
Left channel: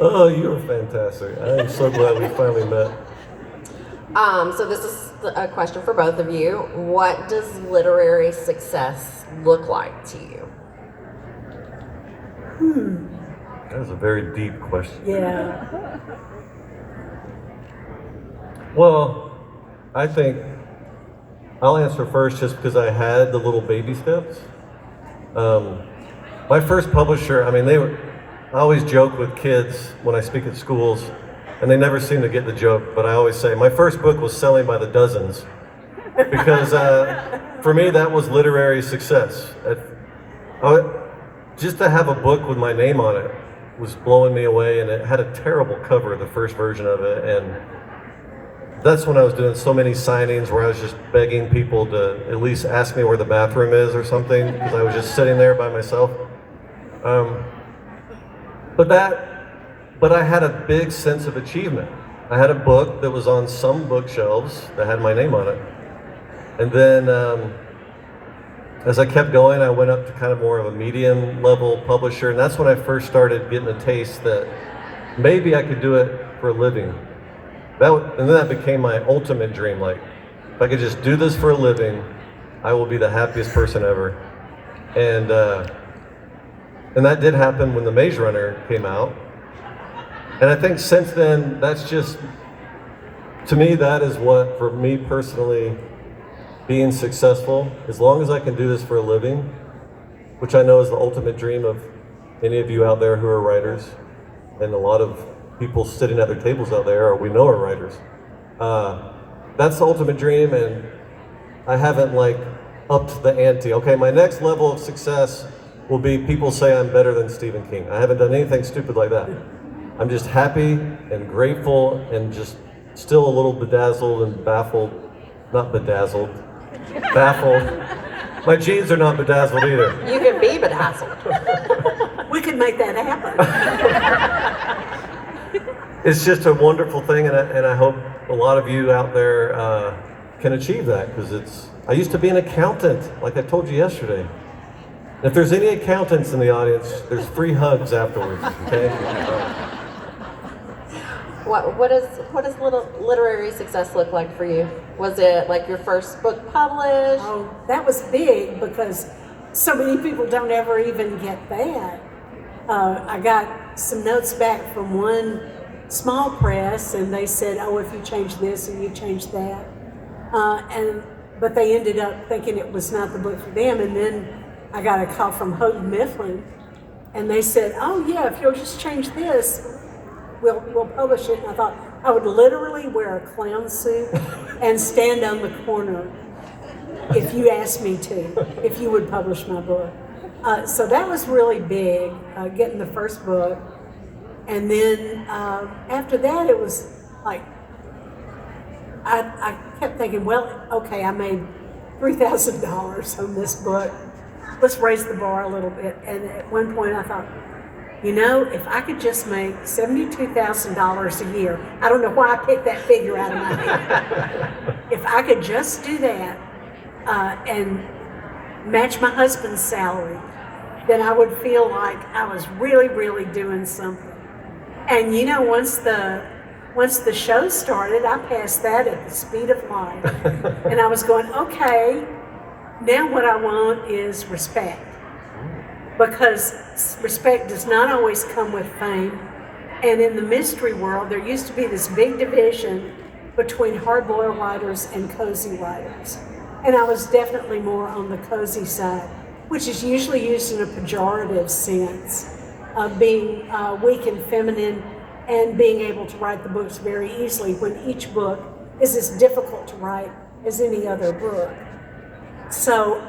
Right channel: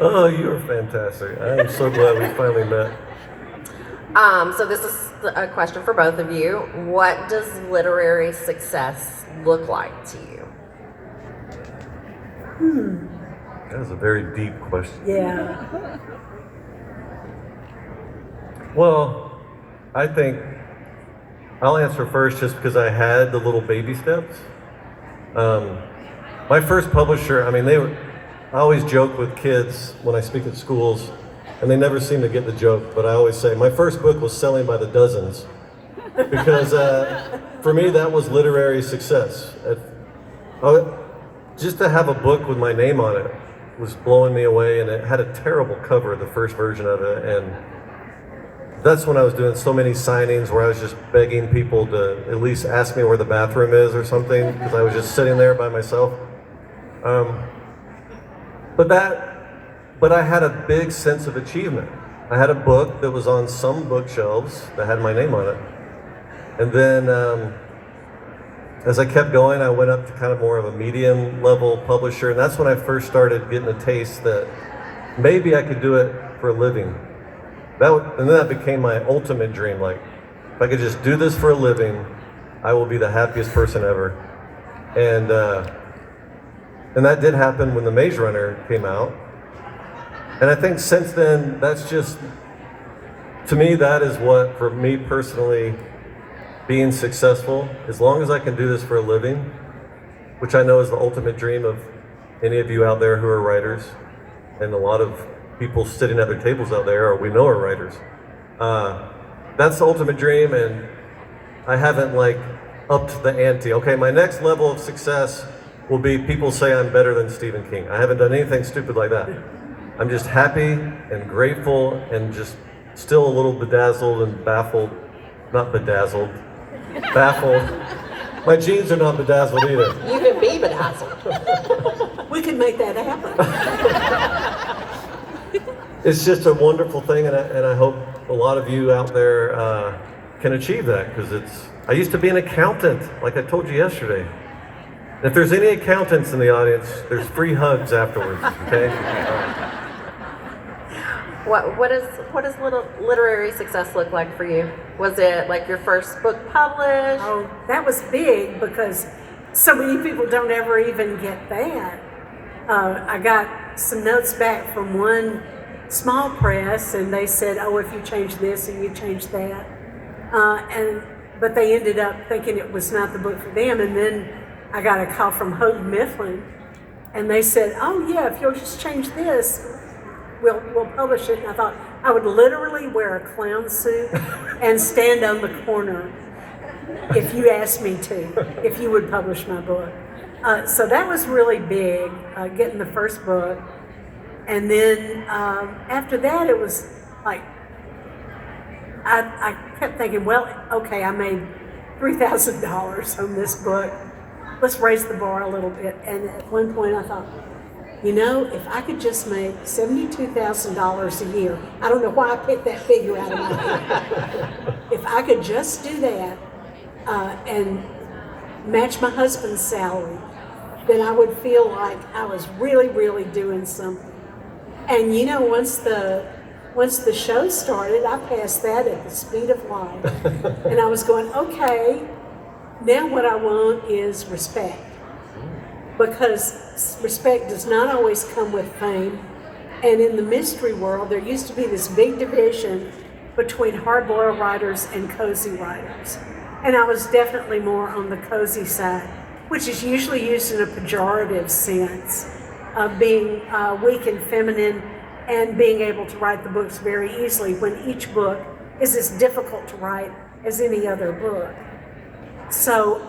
Oh, you're fantastic. I'm so glad we finally met. So this is a question for both of you. What does literary success look like to you? That was a very deep question. Yeah. Well, I think I'll answer first just because I had the little baby steps. My first publisher, I always joke with kids when I speak at schools and they never seem to get the joke, but I always say my first book was selling by the dozens because for me that was literary success. Just to have a book with my name on it was blowing me away, and it had a terrible cover, the first version of it, and that's when I was doing so many signings where I was just begging people to at least ask me where the bathroom is or something, because I was just sitting there by myself. But I had a big sense of achievement. I had a book that was on some bookshelves that had my name on it. And then as I kept going, I went up to kind of more of a medium level publisher, and that's when I first started getting a taste that maybe I could do it for a living. And then that became my ultimate dream. Like, if I could just do this for a living, I will be the happiest person ever. And that did happen when The Maze Runner came out. And I think since then, that's just, to me, that is what, for me personally, being successful, as long as I can do this for a living, which I know is the ultimate dream of any of you out there who are writers, and a lot of people sitting at their tables out there, or we know are writers. That's the ultimate dream, and I haven't upped the ante. Okay, my next level of success will be people say I'm better than Stephen King. I haven't done anything stupid like that. I'm just happy and grateful and just still a little bedazzled and baffled. Not bedazzled, baffled. My jeans are not bedazzled either. You can be bedazzled. We could make that happen. It's just a wonderful thing, and I hope a lot of you out there can achieve that, because I used to be an accountant, like I told you yesterday. If there's any accountants in the audience, there's free hugs afterwards, okay? What does literary success look like for you? Was it like your first book published? Oh, that was big because so many people don't ever even get that. I got some notes back from one small press, and they said, "Oh, if you change this and you change that," but they ended up thinking it was not the book for them. And then I got a call from Houghton Mifflin, and they said, "Oh yeah, if you'll just change this, we'll publish it." And I thought I would literally wear a clown suit and stand on the corner if you asked me to, if you would publish my book. So that was really big, getting the first book. And then after that, it was like, I kept thinking, well, okay, I made $3,000 on this book. Let's raise the bar a little bit. And at one point I thought, you know, if I could just make $72,000 a year, I don't know why I picked that figure out of my head. If I could just do that and match my husband's salary, then I would feel like I was really, really doing something. And you know, once the show started, I passed that at the speed of light. And I was going, okay, now what I want is respect. Because respect does not always come with fame. And in the mystery world, there used to be this big division between hard-boiled writers and cozy writers. And I was definitely more on the cozy side, which is usually used in a pejorative sense of being weak and feminine and being able to write the books very easily, when each book is as difficult to write as any other book. So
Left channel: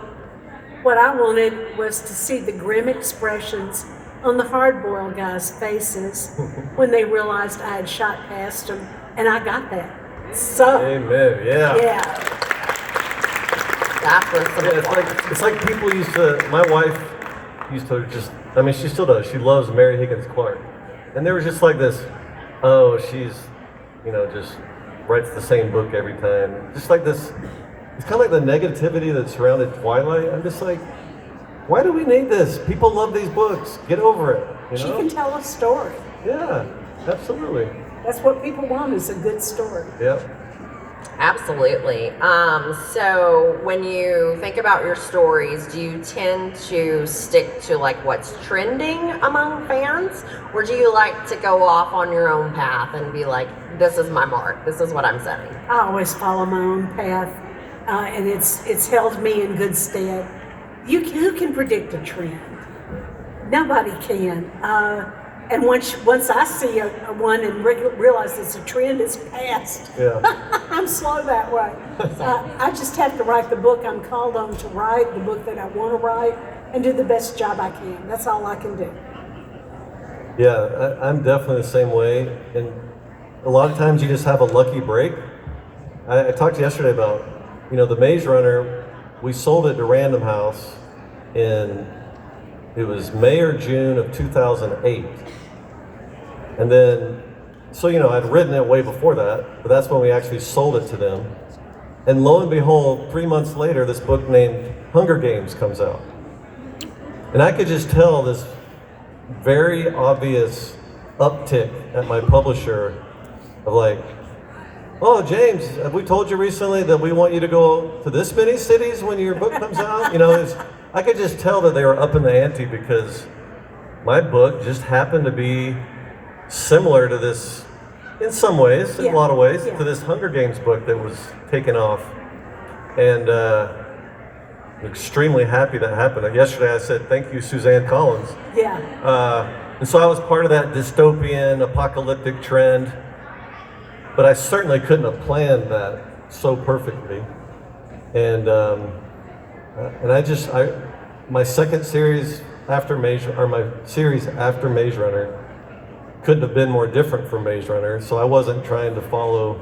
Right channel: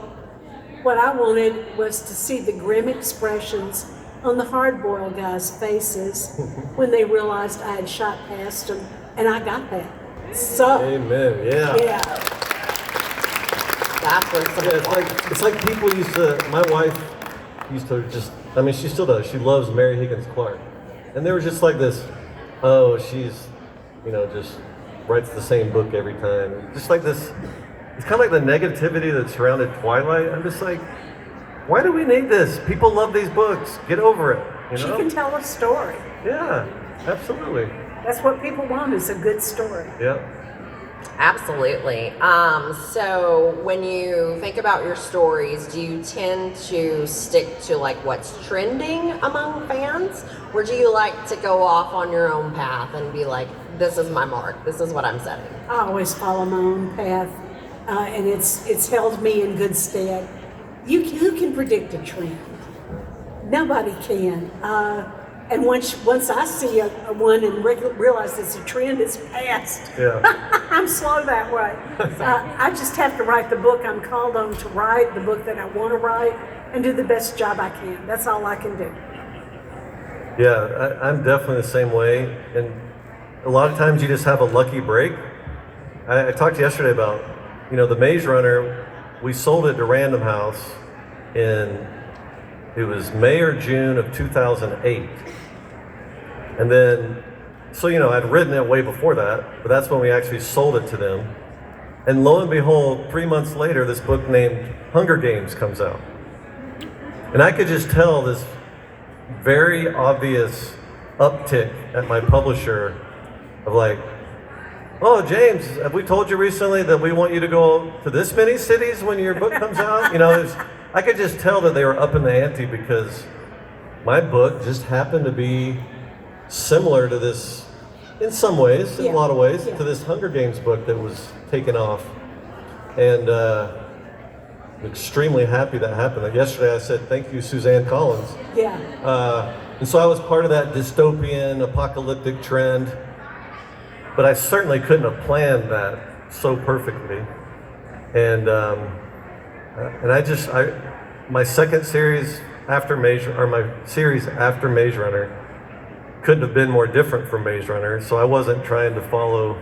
what I wanted was to see the grim expressions on the hard-boiled guys' faces when they realized I had shot past them, and I got that. So, amen, yeah. Yeah. That was Yeah, it's like people used to, my wife used to just, I mean, she still does, she loves Mary Higgins Clark. And there was just like this, oh, she's, just writes the same book every time. Just like this, it's kind of like the negativity that surrounded Twilight. I'm just like, why do we need this? People love these books. Get over it. She can tell a story. Yeah, absolutely. That's what people want, is a good story. Yeah. Absolutely. So when you think about your stories, do you tend to stick to like what's trending among fans? Or do you like to go off on your own path and be like, this is my mark, this is what I'm setting? I always follow my own path, and it's held me in good stead. Who can predict a trend? Nobody can. and once I see a one and realize it's a trend, it's past. Yeah. I'm slow that way. I just have to write the book I'm called on to write, the book that I want to write, and do the best job I can. That's all I can do. Yeah, I'm definitely the same way. And a lot of times you just have a lucky break. I talked yesterday about, the Maze Runner, we sold it to Random House it was May or June of 2008. And then, so, I'd written it way before that, but that's when we actually sold it to them. And lo and behold, 3 months later, this book named Hunger Games comes out. And I could just tell this very obvious uptick at my publisher of like, oh, James, have we told you recently that we want you to go to this many cities when your book comes out? I could just tell that they were up in the ante because my book just happened to be similar to this, in some ways, in a lot of ways, to this Hunger Games book that was taken off. And I'm extremely happy that happened. Yesterday I said, thank you, Suzanne Collins. Yeah. And so I was part of that dystopian, apocalyptic trend, but I certainly couldn't have planned that so perfectly. And my second series after my series after Maze Runner couldn't have been more different from Maze Runner. So I wasn't trying to follow,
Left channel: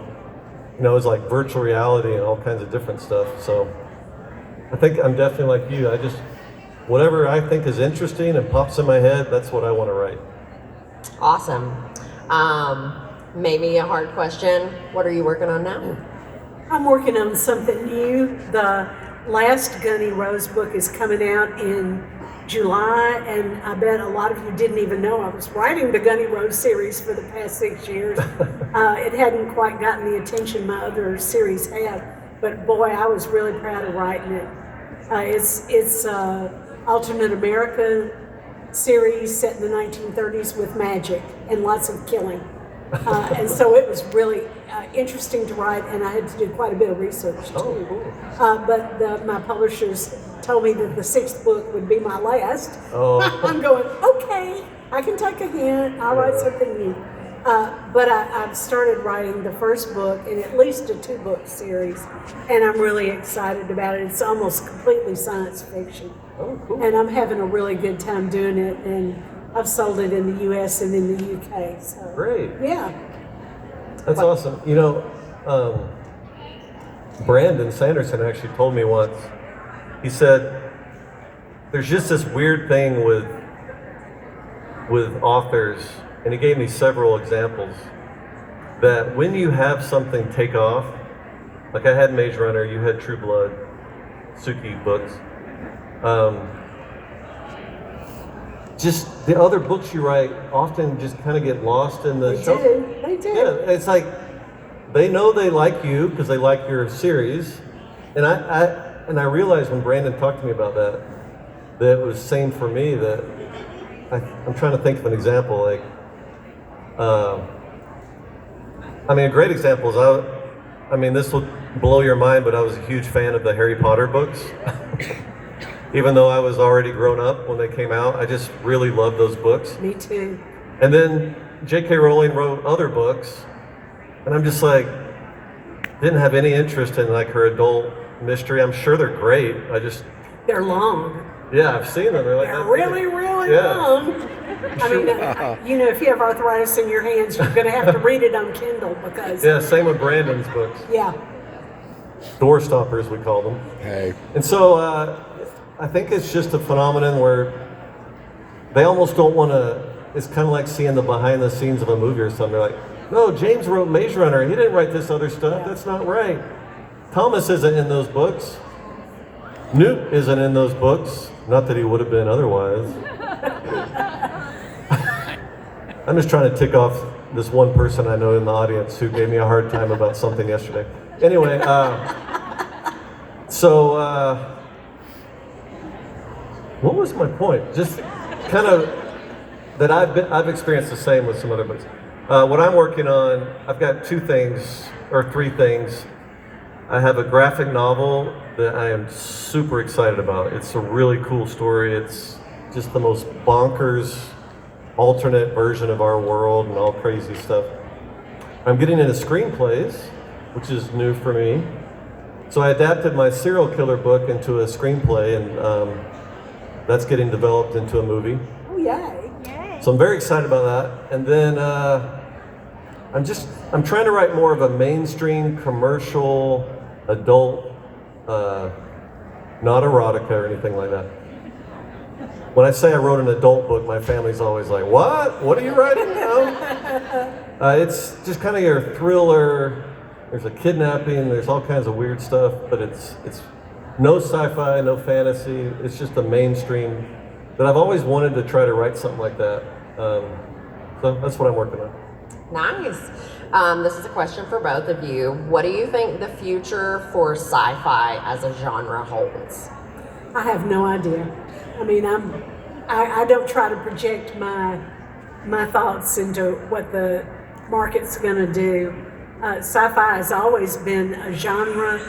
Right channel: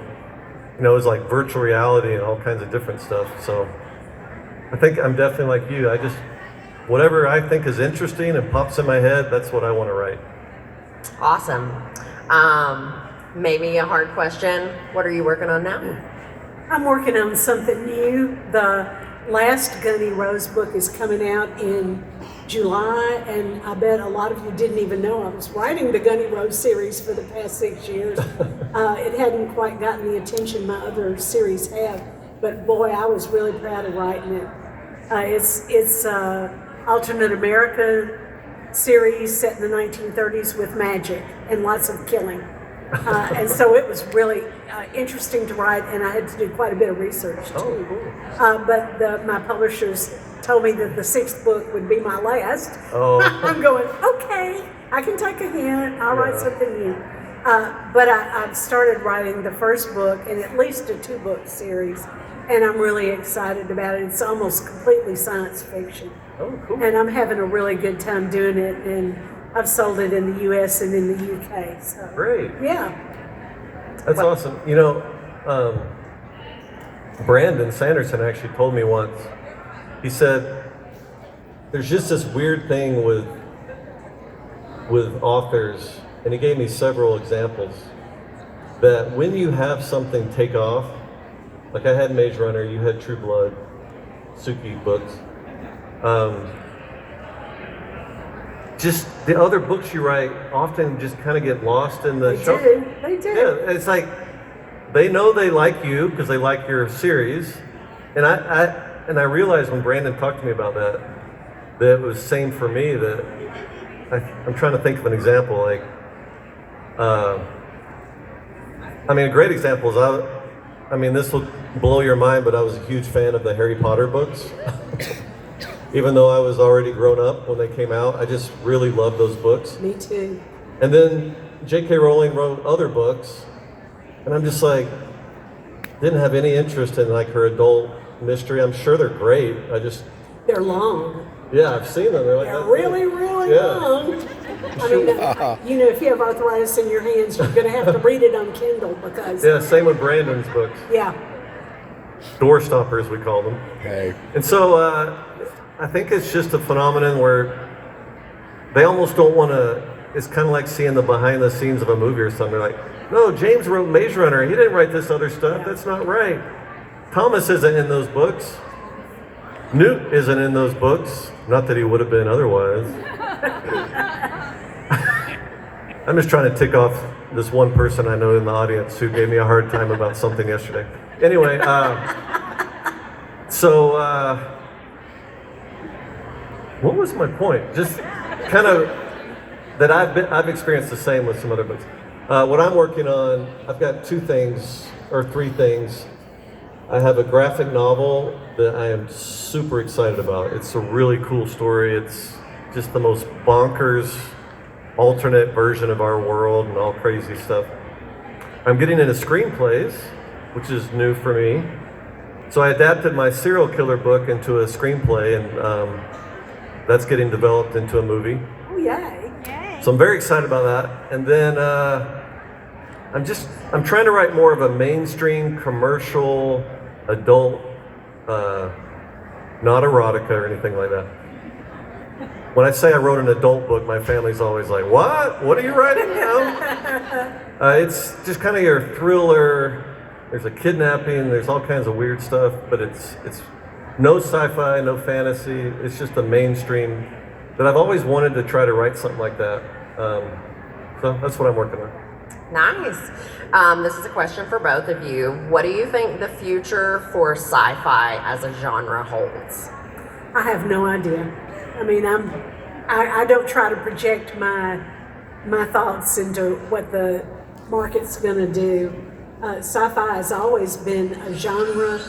it was like virtual reality and all kinds of different stuff. So I think I'm definitely like you. Whatever I think is interesting and pops in my head, that's what I want to write. Awesome. Maybe a hard question. What are you working on now? I'm working on something new. The last Gunny Rose book is coming out in July, and I bet a lot of you didn't even know I was writing the Gunny Rose series for the past 6 years. It hadn't quite gotten the attention my other series have, but boy, I was really proud of writing it. It's alternate America series set in the 1930s with magic and lots of killing. And so it was really interesting to write, and I had to do quite a bit of research too. Oh, cool. But my publishers told me that the 6th book would be my last. Oh. I'm going, okay, I can take a hint, I'll write something new. But I've started writing the first book in at least a 2-book series, and I'm really excited about it. It's almost completely science fiction. Oh, cool. And I'm having a really good time doing it, and I've sold it in the U.S. and in the UK. So Great. yeah. That's awesome. Brandon Sanderson actually told me once, he said, there's just this weird thing with authors, and he gave me several examples, that when you have something take off, like I had Maze Runner, you had True Blood, Sookie books, just the other books you write often just kind of get lost in the show. They do. Yeah, it's like they know they like you because they like your series, and I realized when Brandon talked to me about that it was the same for me. That I'm trying to think of an example. Like, a great example is this will blow your mind, but I was a huge fan of the Harry Potter books. Even though I was already grown up when they came out, I just really loved those books. Me too. And then J.K. Rowling wrote other books, and I'm just like, didn't have any interest in like her adult mystery. I'm sure they're great. They're long. Yeah, I've seen them. They're really, really long. If you have arthritis in your hands, you're going to have to read it on Kindle because. Yeah, same with Brandon's books. Yeah. Door stoppers, we call them. Hey. And so I think it's just a phenomenon where they almost don't want to. It's kind of like seeing the behind the scenes of a movie or something. They're like, no, James wrote Maze Runner. He didn't write this other stuff. That's not right. Thomas isn't in those books. Newt isn't in those books. Not that he would have been otherwise. I'm just trying to tick off this one person I know in the audience who gave me a hard time about something yesterday. Anyway, what was my point? Just kind of that I've experienced the same with some other books. What I'm working on, I've got 2 things or 3 things. I have a graphic novel that I am super excited about. It's a really cool story. It's just the most bonkers alternate version of our world and all crazy stuff. I'm getting into screenplays, which is new for me. So I adapted my serial killer book into a screenplay, and that's getting developed into a movie. Oh, yay. So I'm very excited about that. And then I'm trying to write more of a mainstream commercial adult, not erotica or anything like that. When I say I wrote an adult book, my family's always like, "What? What are you writing now?" It's just kind of your thriller. There's a kidnapping. There's all kinds of weird stuff, but it's no sci-fi, no fantasy. It's just a mainstream. But I've always wanted to try to write something like that. So that's what I'm working on. Nice. This is a question for both of you. What do you think the future for sci-fi as a genre holds? I have no idea. I mean, I don't try to project my thoughts into what the market's going to do. Sci-fi has always been a genre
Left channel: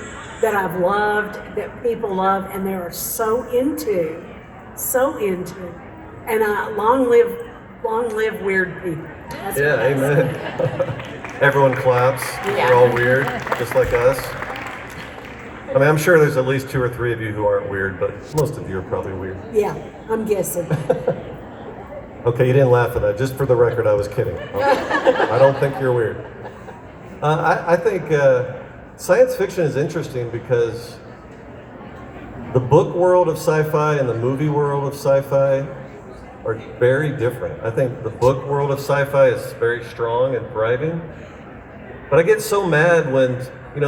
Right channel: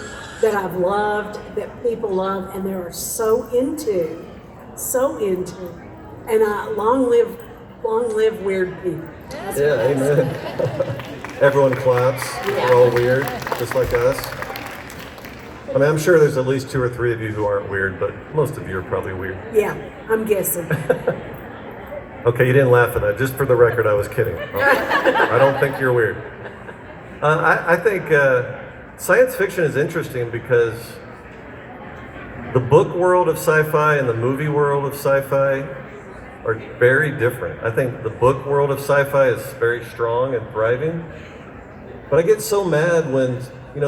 that I've loved, that people love, and they are so into. And long live weird people. Yeah, amen. Everyone claps. They're all weird, just like us. I mean, I'm sure there's at least 2 or 3 of you who aren't weird, but most of you are probably weird. Yeah, I'm guessing. Okay, you didn't laugh at that. Just for the record, I was kidding. I don't think you're weird. I think science fiction is interesting because the book world of sci-fi and the movie world of sci-fi are very different. I think the book world of sci-fi is very strong and thriving. But I get so mad when,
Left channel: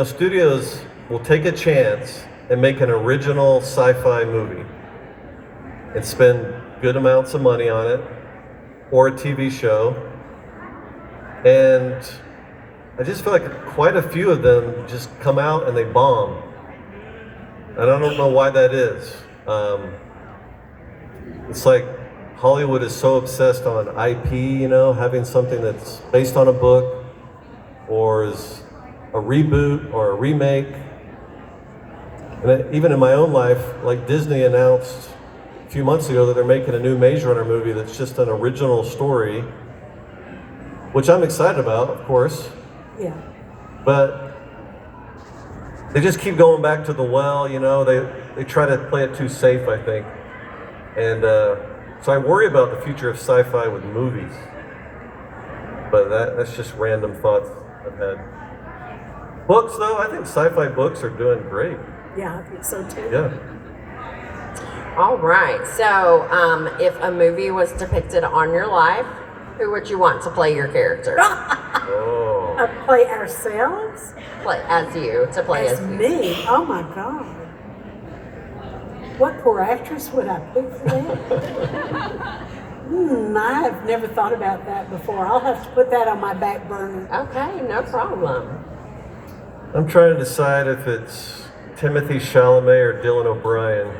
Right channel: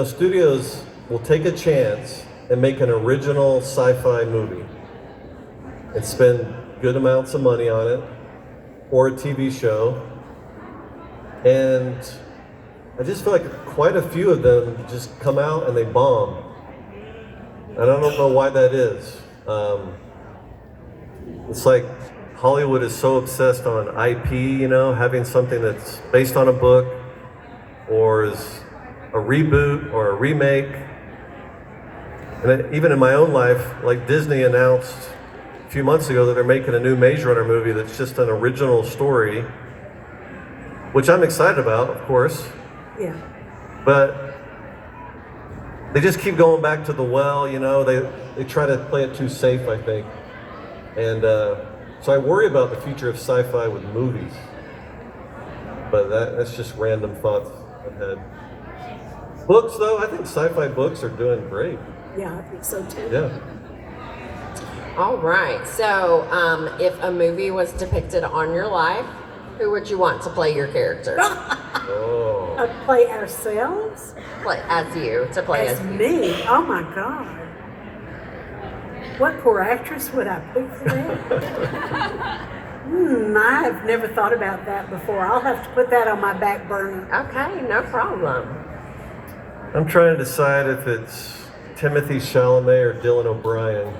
studios will take a chance and make an original sci-fi movie and spend good amounts of money on it, or a TV show. And I just feel like quite a few of them just come out and they bomb. And I don't know why that is. It's like Hollywood is so obsessed on IP, having something that's based on a book or is a reboot or a remake. And then even in my own life, like Disney announced a few months ago that they're making a new Maze Runner movie that's just an original story, which I'm excited about, of course. Yeah. But they just keep going back to the well, they try to play it too safe, I think. And so I worry about the future of sci-fi with movies. But that's just random thoughts I've had. Books, though, I think sci-fi books are doing great. Yeah, I think so too. Yeah. All right. So, if a movie was depicted on your life, who would you want to play your character? Oh. Play ourselves? Play as you. To play as you. Me? Oh my God. What poor actress would I pick for that? I have never thought about that before. I'll have to put that on my back burner. Okay, no problem. I'm trying to decide if it's Timothy Chalamet or Dylan O'Brien.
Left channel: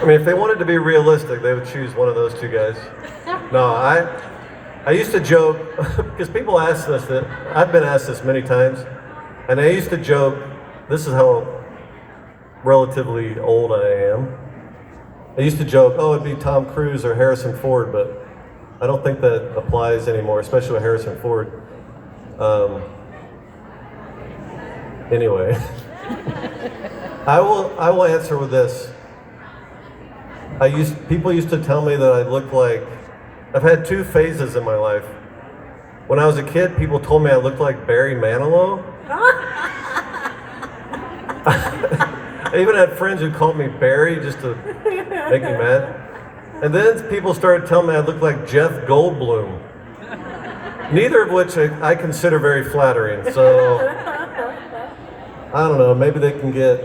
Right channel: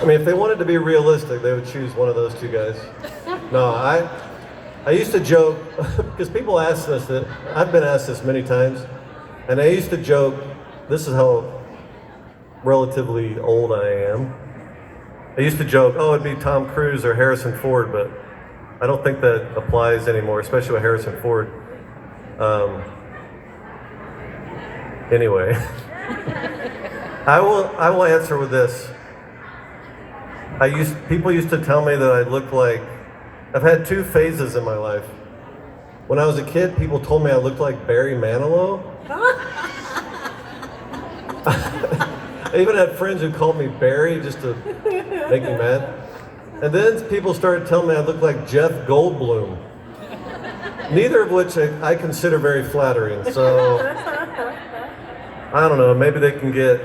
I mean, if they wanted to be realistic, they would choose one of those 2 guys. No, I used to joke, because people ask us that, I've been asked this many times, and I used to joke, this is how relatively old I am. I used to joke, it'd be Tom Cruise or Harrison Ford, but I don't think that applies anymore, especially with Harrison Ford. Anyway, I will answer with this. People used to tell me that I look like, I've had 2 phases in my life. When I was a kid, people told me I looked like Barry Manilow. I even had friends who called me Barry just to make me mad. And then people started telling me I looked like Jeff Goldblum. Neither of which I consider very flattering. So, I don't know, maybe they can get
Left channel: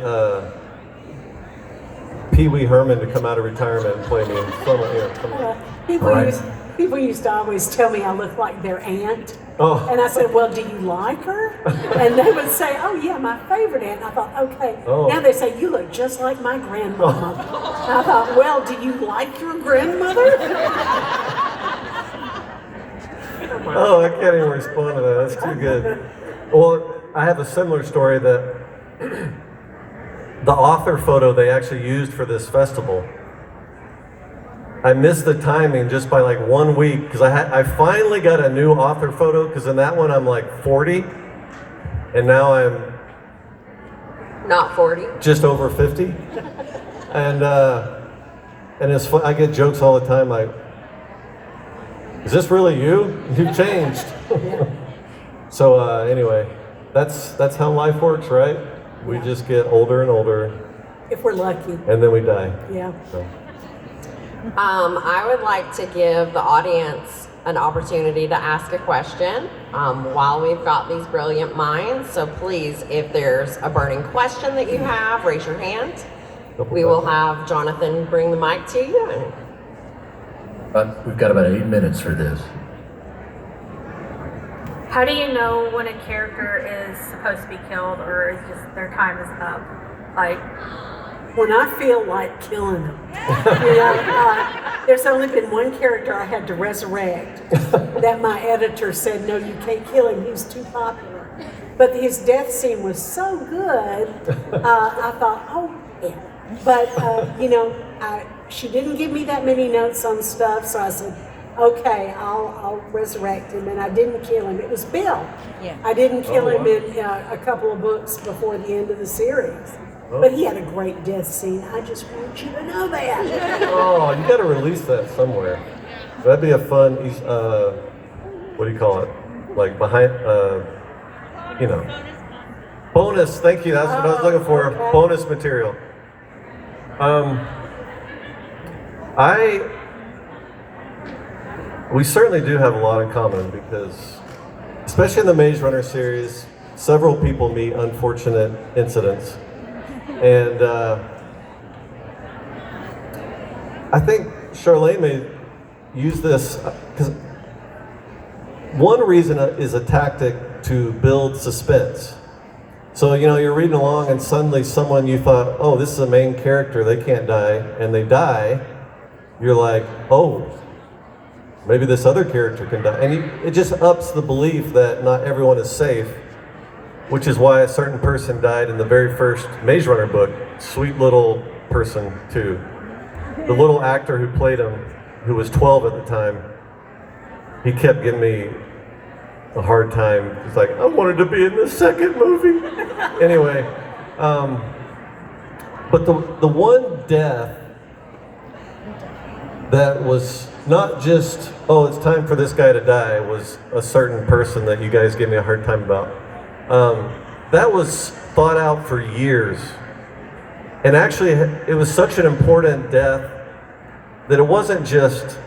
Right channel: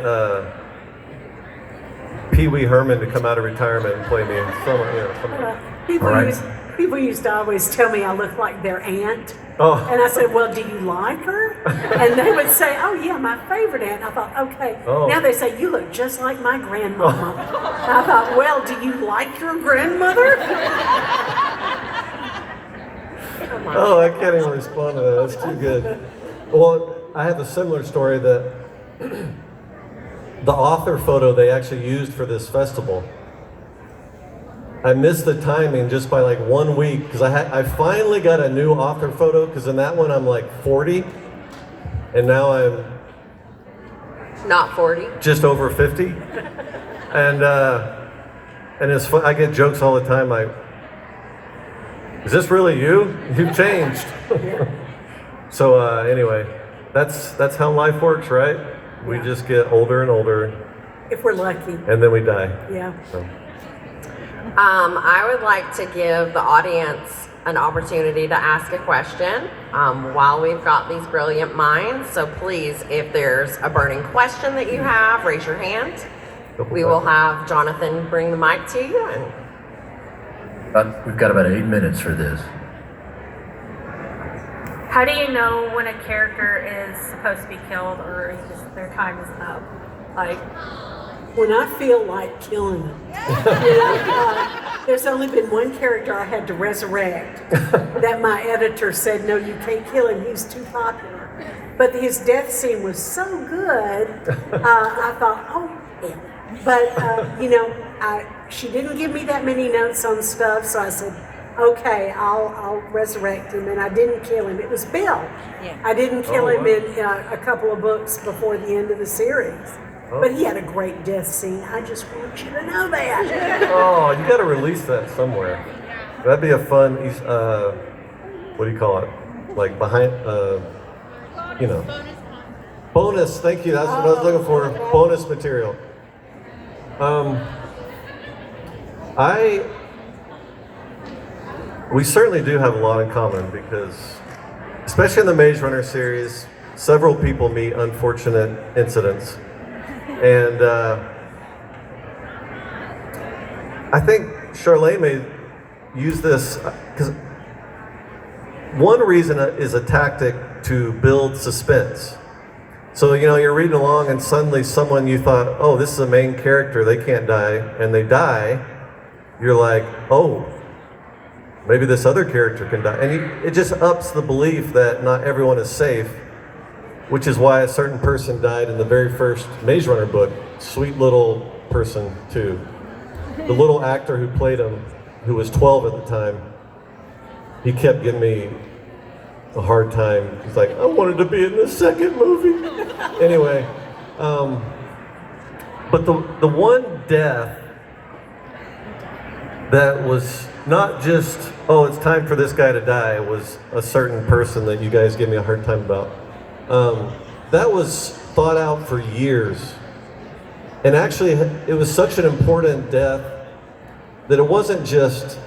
Pee Wee Herman to come out of retirement and play me in People used to always tell me I looked like their aunt. Oh. And I said, well, do you like her? And they would say, oh yeah, my favorite aunt. I thought, okay. Oh. Now they say, you look just like my grandmama. I thought, well, do you like your grandmother? Oh, I can't even respond to that. That's too good. Well, I have a similar story that the author photo they actually used for this festival I missed the timing just by like 1 week because I finally got a new author photo because in that one I'm like 40 and now I'm Not 40. just over 50. And it's fun. I get jokes all the time like, is this really you? You've changed. So anyway, that's how life works, right? We just get older and older If we're lucky. and then we die. Yeah. So. I would like to give the audience an opportunity to ask a question while we've got these brilliant minds. So please, if there's a burning question that you have, raise your hand. We will have Jonathan bring the mic to you. And We've got about 8 minutes for this. How do you know when a character is supposed to be killed or is just their time is up? Like, When I feel like killing them. There's only been one character I had to resurrect that my editor said, no, you can't kill him, he's too popular. But his death scene was so good, I thought, oh, yeah. But, she didn't give me that many notes on stuff, so I said, okay, I'll resurrect him, and I didn't kill him. It was Bill. Yeah. I didn't kill him in a couple of books before the end of the series. But he had a great death scene. I just want you to know that. Oh, you got to release that somewhere. That'd be a fun, what do you call it? Like behind, bonus. Thank you. That's what I was looking for. Okay. Bonus material. We certainly do have a lot in common because, especially in the Maze Runner series, several people meet unfortunate incidents. And I think Charlaine may use this because one reason is a tactic to build suspense. So, you're reading along and suddenly someone you thought, oh, this is a main character, they can't die, and they die. You're like, oh, maybe this other character can die. And it just ups the belief that not everyone is safe, which is why a certain person died in the very first Maze Runner book. Sweet little person, too. The little actor who played him, who was 12 at the time, he kept giving me a hard time. He's like, I wanted to be in the second movie. Anyway, but the one death that was not just, oh, it's time for this guy to die, was a certain person that you guys gave me a hard time about. That was thought out for years. And actually, it was such an important death that it wasn't just,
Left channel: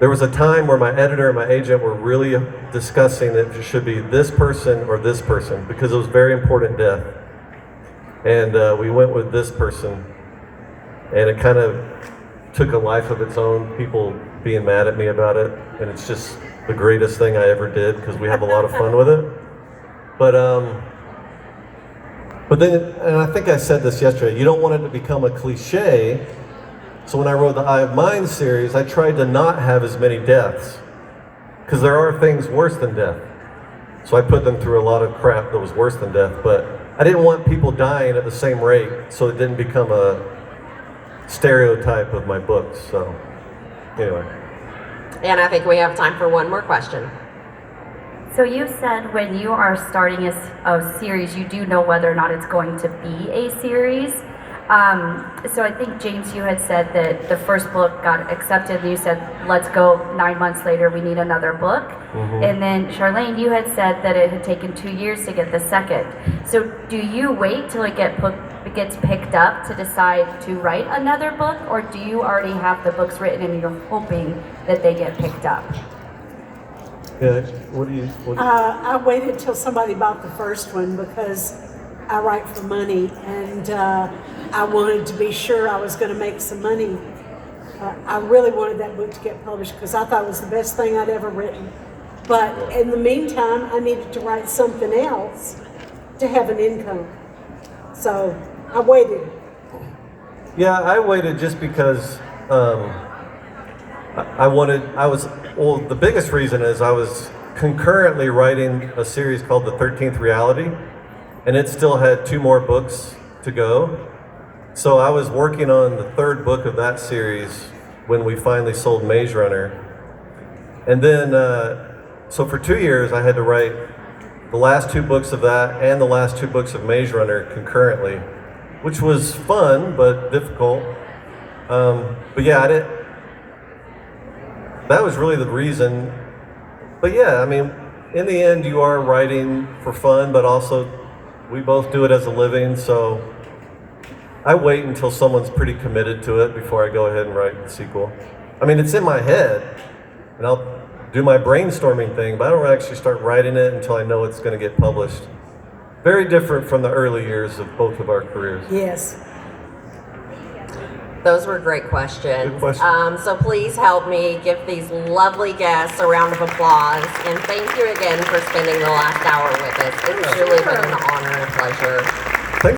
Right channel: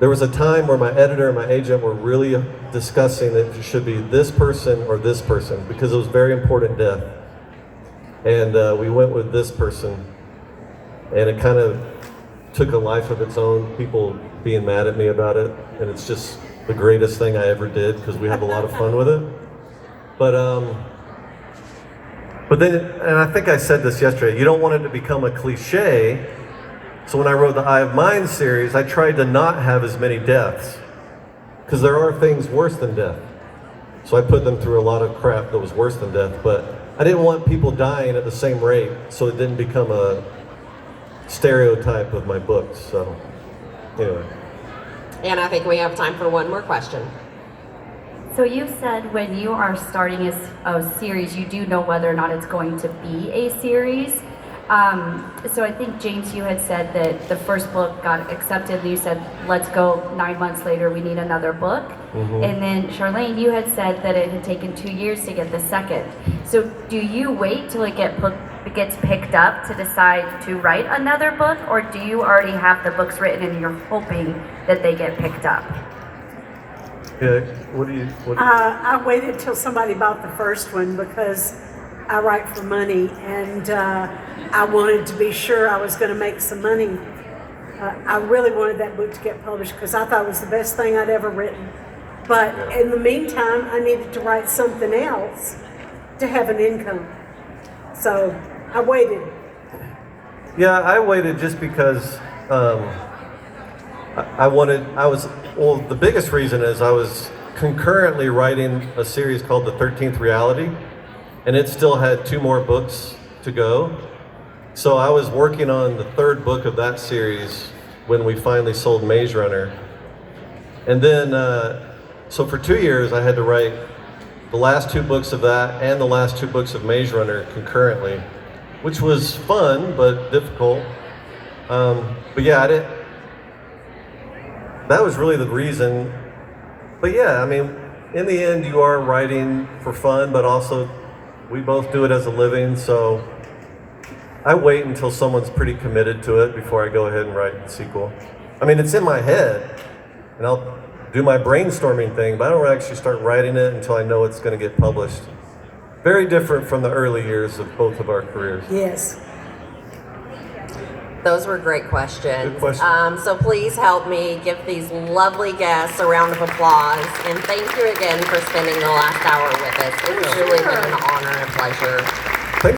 there was a time where my editor and my agent were really discussing that it should be this person or this person, because it was a very important death. And we went with this person, and it kind of took a life of its own, people being mad at me about it, and it's just the greatest thing I ever did because we have a lot of fun with it. But then, and I think I said this yesterday, you don't want it to become a cliche. So when I wrote the Eye of Mine series, I tried to not have as many deaths because there are things worse than death. So I put them through a lot of crap that was worse than death, but I didn't want people dying at the same rate, so it didn't become a stereotype of my books. So, anyway. And I think we have time for one more question. So you said when you are starting a series, you do know whether or not it's going to be a series. So I think, James, you had said that the first book got accepted, and you said, let's go 9 months later, we need another book. Mm-hmm. And then, Charlaine, you had said that it had taken 2 years to get the second. So do you wait till it gets picked up to decide to write another book, or do you already have the books written and you're hoping that they get picked up? Yeah, what do you I waited till somebody bought the first one because I write for money, and I wanted to be sure I was going to make some money. I really wanted that book to get published because I thought it was the best thing I'd ever written. But in the meantime, I needed to write something else to have an income. So I waited. Yeah, I waited just because the biggest reason is I was concurrently writing a series called The 13th Reality, and it still had 2 more books to go. So I was working on the 3rd book of that series when we finally sold Maze Runner. And then, so for 2 years, I had to write the last 2 books of that and the last 2 books of Maze Runner concurrently, which was fun, but difficult. But yeah, that was really the reason. But yeah, I mean, in the end, you are writing for fun, but also we both do it as a living, so I wait until someone's pretty committed to it before I go ahead and write the sequel. I mean, it's in my head, and I'll do my brainstorming thing, but I don't actually start writing it until I know it's going to get published. Very different from the early years of both of our careers. Yes. Those were great questions. Good question. So please help me give these lovely guests a round of applause. And thank you again for spending the last hour with us. It's really been an honor and a pleasure.